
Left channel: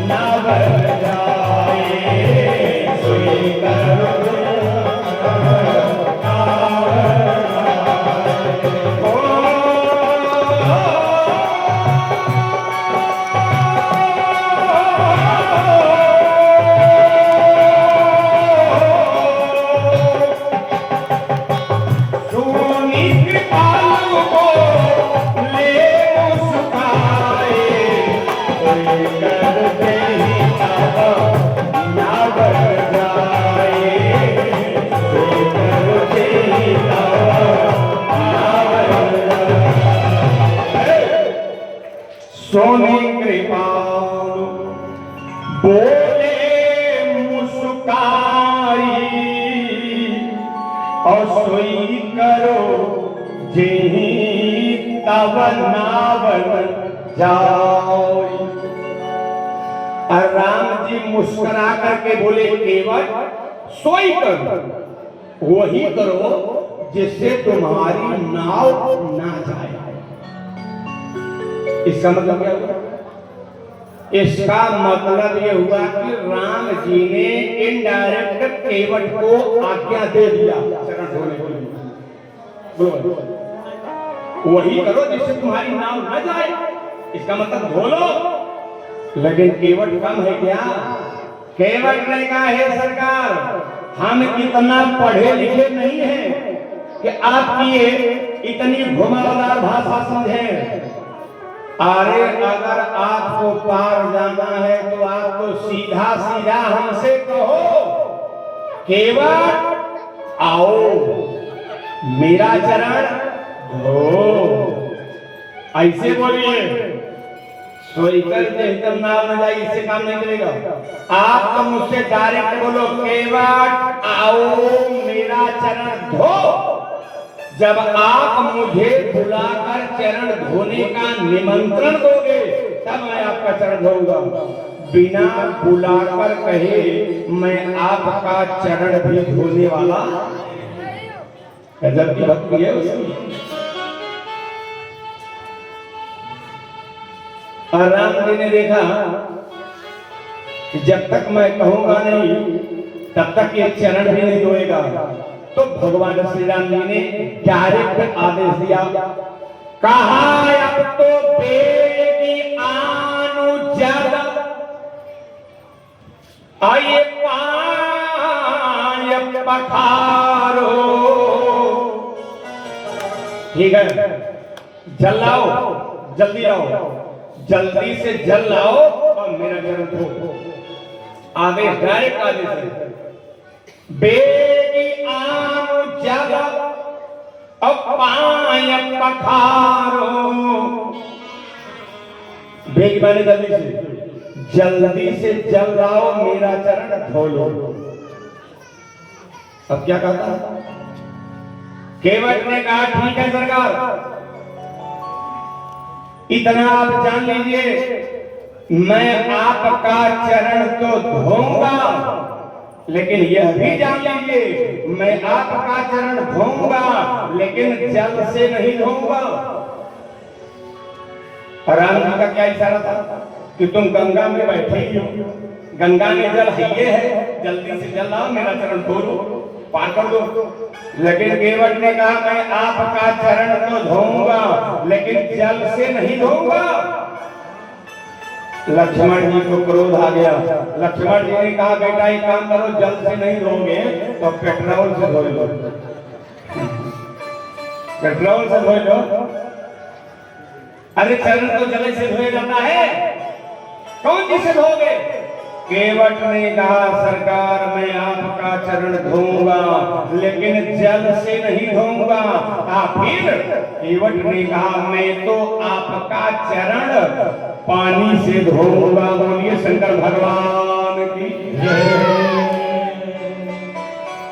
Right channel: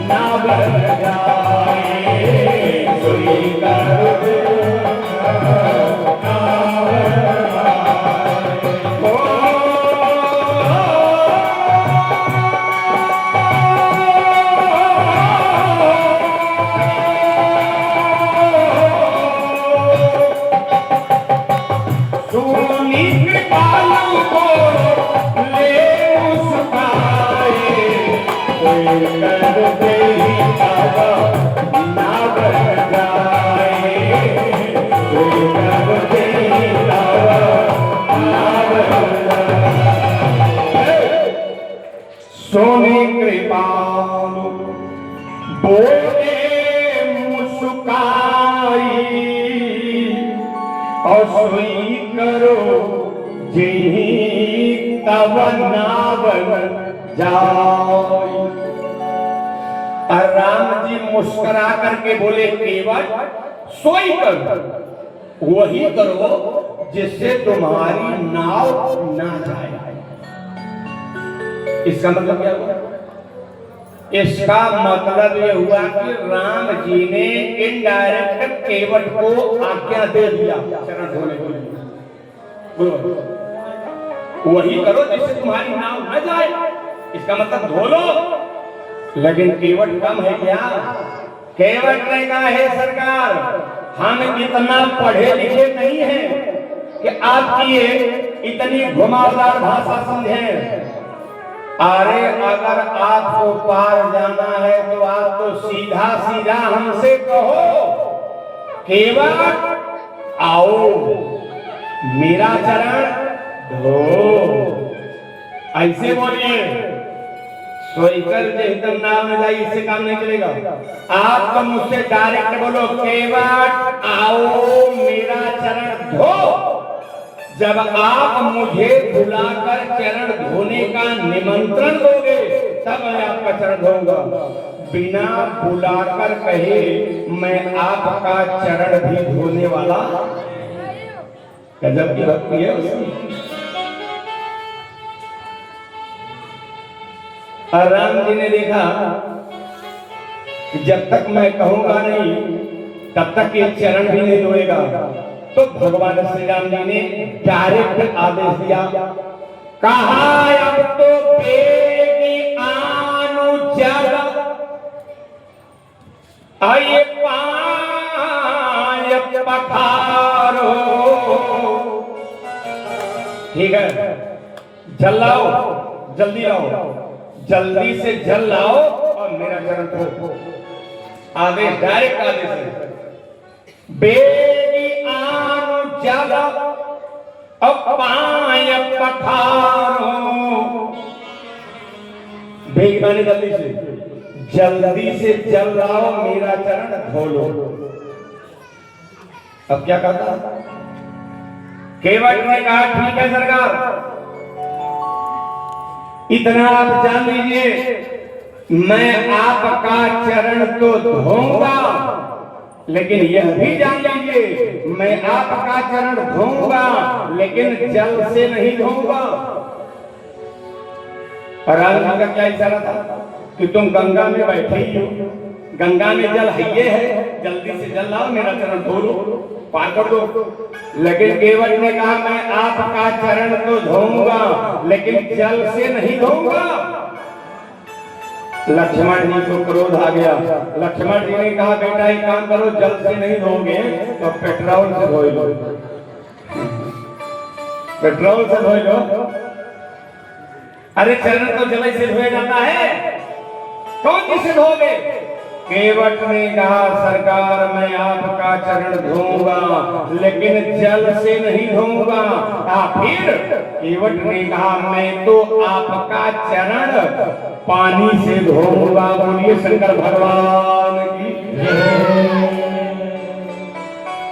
ना बन जाए, स्वीकार सोने कृपाल बोले मुस्काई और सोई करो जी तब ना बन जाओ। राम जी मुस्कुरा करके बोले केवल सोई करो, वही करो जिससे तुम्हारी नाव ना जाए। इसका मतलब क्या हुआ? इसका मतलब ये हुआ कि राम जी ने इनडायरेक्ट केवट को आज्ञा दे दिया चरण धोने के लिए, वही करो जिससे तुम्हारी नाव न जाए। इसका मतलब धो लो। लेकिन केवट कम है क्या? केवट ने कहा है सरकार हम इतना पढ़े लिखे नहीं हैं कि आपकी इतनी घुमावदार भाषा समझें। अरे अगर आपको पार जाना है तो आप तो सीधा सीधा हमसे कहो केवट आओ मेरा चरण धो, ऐसे बोलिए। स्वीकार एकदम नाम न जाए, इससे काम नहीं चलेगा। आप तो मुझसे डायरेक्ट बोलो केवट आओ मेरा चरण धो। जब आप मुझे बुलाकर चरण धोने का निमंत्रण दोगे तब मैं आपका चरण धोऊंगा। बिना बुलाकर कहे मैं आपका चरण भी धोने वाला गजब की भक्ति है उसकी। राम जी ने देखा कि जब तक मैं कहूंगा नहीं तब तक ये चरण भी नहीं धोएगा, तो भगवान श्री राम जी ने डायरेक्ट आदेश दिया, कहा अब तो बेगी आनु जल आये पाय पखारो। ठीक है, जल लाओ, जल्दी लाओ, जल्दी से जल लाओ और मेरा चरण धो। आदेश डायरेक्ट आदेश है, बेगी आनु जल अब पाय पखारो। बेग माने जल्दी से जल लाओ मेरा चरण धो लो। अब क्या कहता? केवट ने कहा ठीक है सरकार, इतना आप जान लीजिए, मैं आपका चरण तो धोऊंगा, लेकिन यह भी जान लीजिए मैं आपका चरण धोऊंगा लेकिन जल से नहीं धोऊंगा। और राम का क्या इशारा था कि तुम गंगा में बैठे ही हो, गंगा में जल है, जल्दी से जल लाओ, मेरा चरण धो लो, पार कर दो। लेकिन केवट ने कहा मैं आपका चरण तो धोऊंगा लेकिन जल से नहीं धोऊंगा। लक्ष्मण जी को क्रोध आ गया। लक्ष्मण जी ने कहा बेटा एक काम करो, जल से नहीं धोगे तो पेट्रोल से धो लो, पेट्रोल से धो लो। अरे चरण तो जल से धोया जाता है, कौन जिसे धोगे? केवट ने कहा सरकार मैं आपका चरण धोऊंगा लेकिन जल से नहीं धोऊंगा। फिर केवट ने कहा मैं तो आपका चरण पानी से धोऊंगा। बोलिए शंकर भगवान की जय।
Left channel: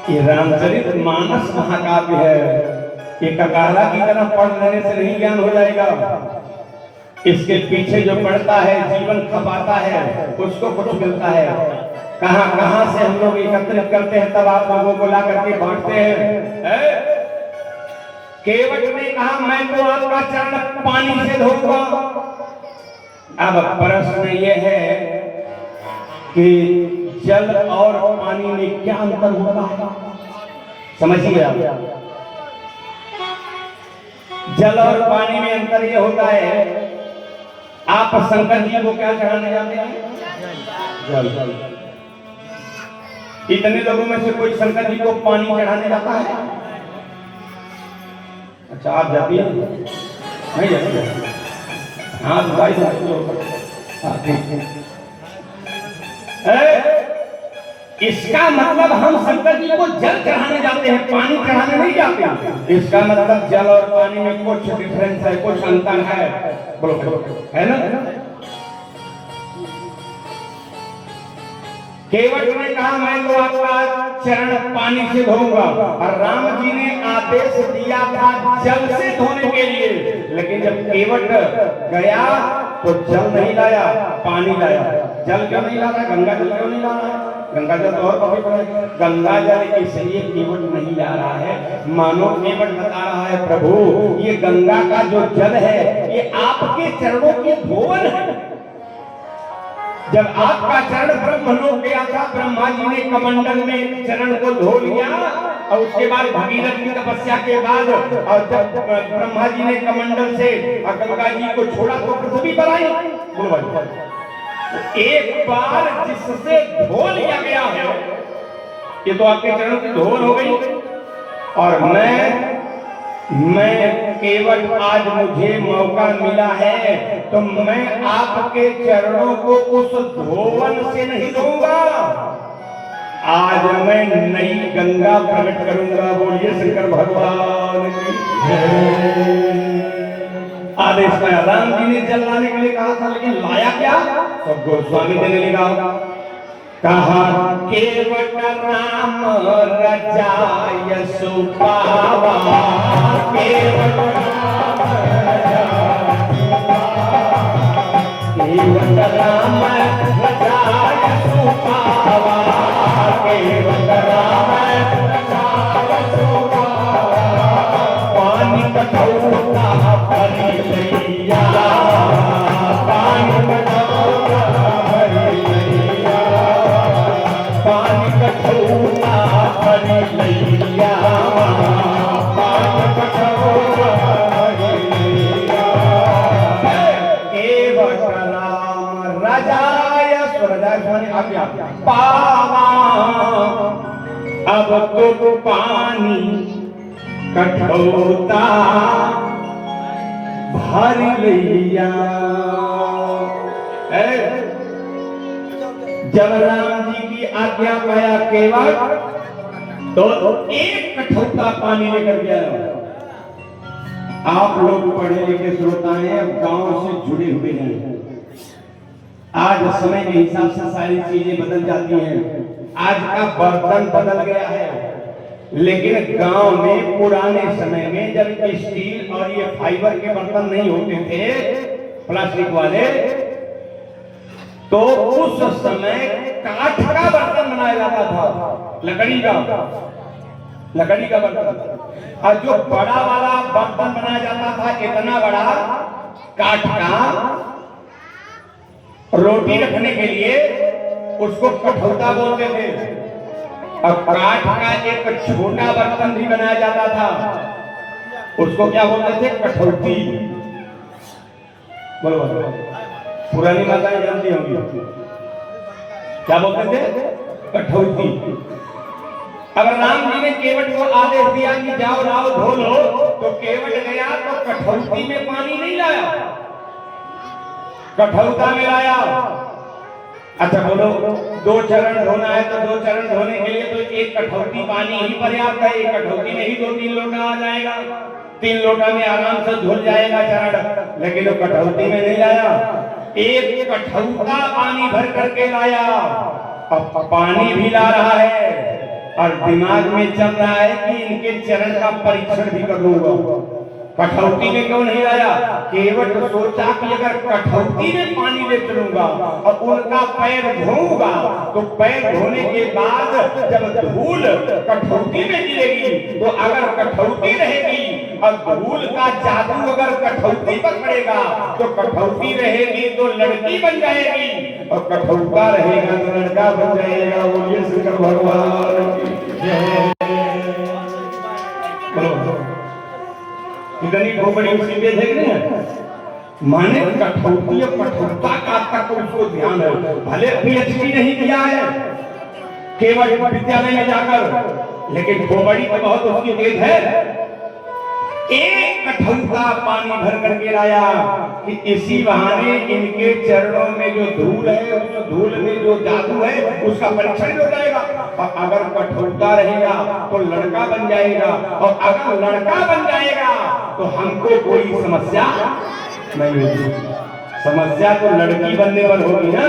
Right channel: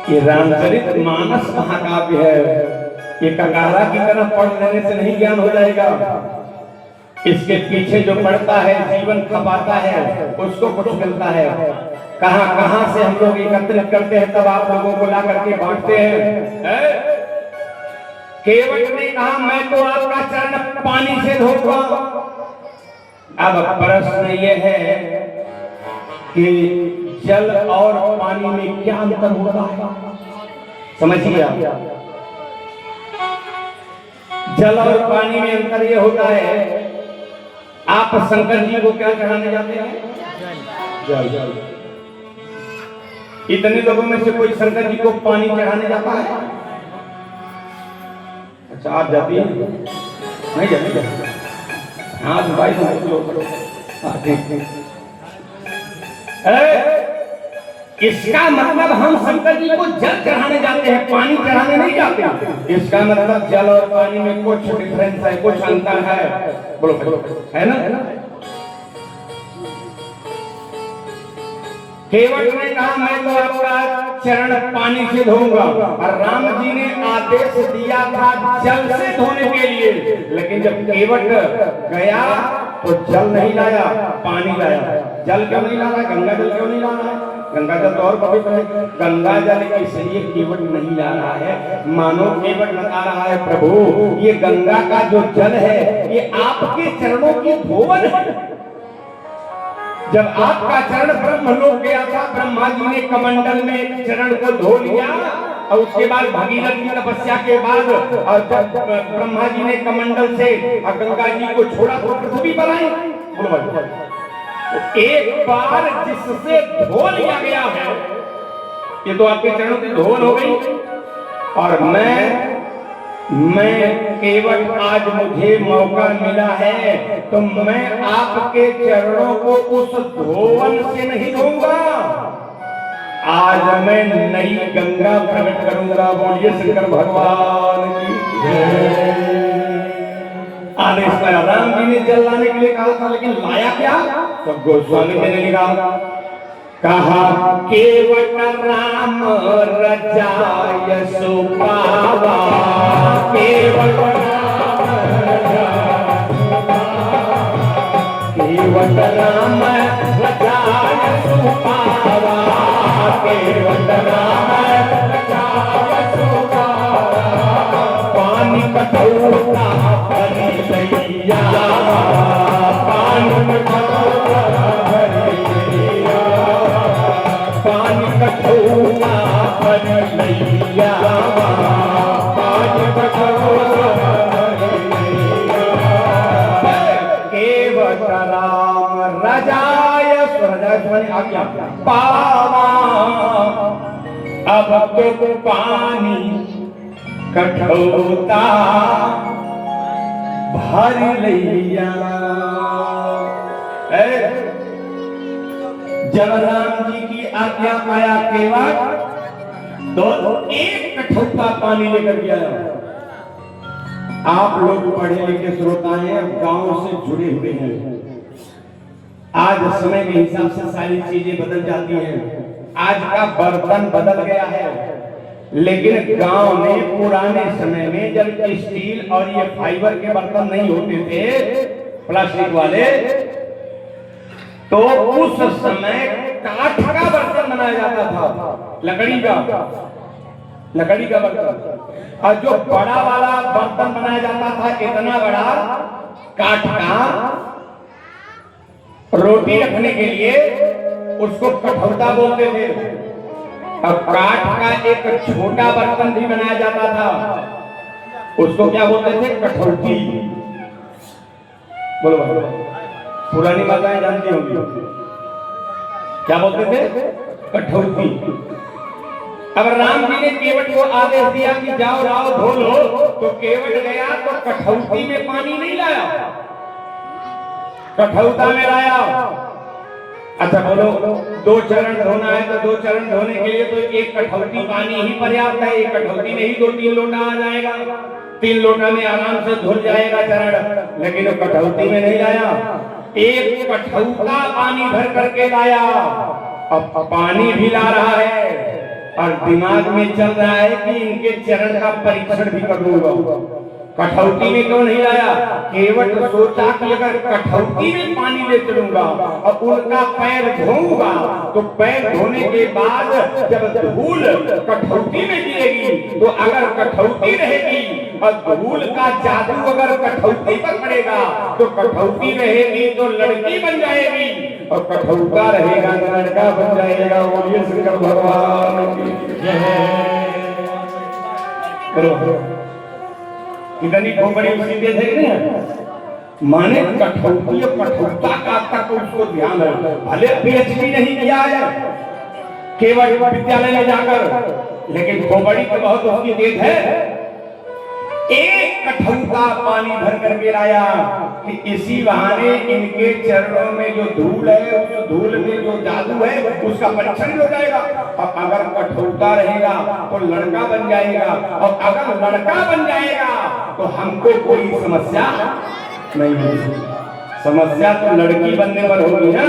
ये रामचरित मानस महाकाव्य है, ये ककारा की तरह पढ़ लेने से नहीं ज्ञान हो जाएगा। इसके पीछे जो पढ़ता है, जीवन खपाता है, उसको कुछ मिलता है। कहां कहां से हम लोग एकत्रित करते हैं, तब आप लोगों को ला करके बांटते हैं। केवट ने कहा मैं तो आपका चरण पानी से धोऊंगा। अब प्रश्न ये है कि जल और पानी में क्या अंतर होता है, समझिए आप। जल और पानी में अंतर ये होता है, आप शंकर जी को क्या चढ़ाने जाते हैं? जल। इतने लोगों में से कोई शंकर जी को पानी चढ़ाने जाता है? अच्छा आप जाती हैं? नहीं जाती? हाँ भाई इसका मतलब हम शंकर जी को जल चढ़ाने जाते हैं, पानी चढ़ाने नहीं जाते। इसका मतलब जल और पानी में कुछ डिफरेंस है, कुछ अंतर है। बोलो है ना? केवट ने कहा मैं तो आपका चरण पानी से धोऊंगा, और राम जी ने आदेश दिया था जल से धोने के लिए। लेकिन जब केवट गया तो जल नहीं लाया, पानी लाया। जल क्यों नहीं लाना? गंगा जल क्यों नहीं लाना है? गंगा जल तो और पवित्र है। गंगा जल इसलिए केवट नहीं ला रहा है, मानो केवट बता रहा है प्रभु ये गंगा का जो जल है ये आपके चरणों की धोवन है। जब आपका चरण ब्रह्मलोक गया था, ब्रह्मा जी ने कमंडल में चरण को धो लिया, और उसके बाद भगीरथ की तपस्या के बाद और जब ब्रह्मा जी ने कमंडल से गंगा जी को छोड़ा तो पृथ्वी पर आई। एक बार जिससे धो लिया गया है, ये तो आपके चरणों की धोल हो गई। और मैं केवट आज मुझे मौका मिला है तो मैं आपके चरणों को उस धोवन से नहीं धोऊंगा, आज मैं नई गंगा प्रकट करूंगा। बोलिए शंकर भगवान की जय। आदेश पाया, राम जी ने जल लाने के लिए कहा था, लेकिन लाया क्या? तो गोस्वामी जी ने कहा केवट राम रजाय सुपावा, केवट राम रजाय सुपावा, केवट राम रजाय सुपावा, पानी कटौता भरी लैया, पानी कटौता भरी लैया, पानी कटौता भरी लैया, पानी कटौता भरी लैया। केवट राम रजाय आज्ञा पावा, अब तो पानी कठौता भर लैया। जब राम जी की आज्ञा पाया केवट तो एक कठौता पानी लेकर गया। आप लोग पढ़े लिखे श्रोता हैं, गांव से जुड़े हुए हैं। आज समय के हिसाब से सारी चीजें बदल जाती हैं। आज का बर्तन बदल गया है। लेकिन गांव में पुराने समय में जब स्टील और ये फाइबर के बर्तन नहीं होते थे, प्लास्टिक वाले, तो उस समय काठ का बर्तन बनाया जाता था, लकड़ी का बर्तन। और जो बड़ा वाला बर्तन बनाया जाता था, कितना बड़ा, काठ का, रोटी रखने के लिए उसको कठौता बोलते थे। अब काठ का एक छोटा बर्तन भी बनाया जाता था, उसको क्या बोलते थे, कठौती। बोलो पुरानी माताएं जानती होंगी क्या बोलते थे, कठौती। अब राम जी ने केवट को आदेश दिया कि जाओ लाओ धो लो, तो केवट गया तो कठौती में पानी नहीं लाया, कठौता में लाया। अच्छा बोलो, 2 चरण धोना है तो 2 चरण धोने के लिए तो एक कठौती पानी ही पर्याप्त है। एक कठौती में ही 2-3 लोटा आ जाएगा, 3 लोटा में आराम से धुल जाएगा चरण। लेकिन वो कठौती में नहीं लाया, एक कठौता पानी भर करके लाया। अब पानी भी ला रहा है और दिमाग में चल रहा है कि इनके चरण का परीक्षण भी कर लूंगा। कठौती में क्यों नहीं लाया? केवट सोचा कि अगर कठौती में पानी ले चलूंगा और उनका पैर धोऊंगा तो पैर धोने के बाद जब धूल कठौती में गिरेगी तो अगर कठौती रहेगी और धूल का जादू अगर कठौती पर पड़ेगा तो कठौती रहेगी तो लड़की बन जाएगी और कठौता रहेगा तो लड़का बन जाएगा। वो ये शंकर भगवान की जय। कितनी खोपड़ी सीधे थे ना, माने कठौती और कठौता का तक उसको ध्यान है। भले पीएचडी नहीं किया है केवल विद्यालय में जाकर, लेकिन खोपड़ी तो बहुत उसकी तेज है। एक कठौता पानी भर करके लाया कि इसी बहाने इनके चरणों में जो धूल है, उस धूल में जो जादू है उसका परीक्षण हो जाएगा। और अगर कठौता रहेगा तो लड़का बन जाएगा, और अगर लड़का बन जाएगा तो हमको कोई समस्या नहीं होगी। समस्या तो लड़की बनने पर होगी ना।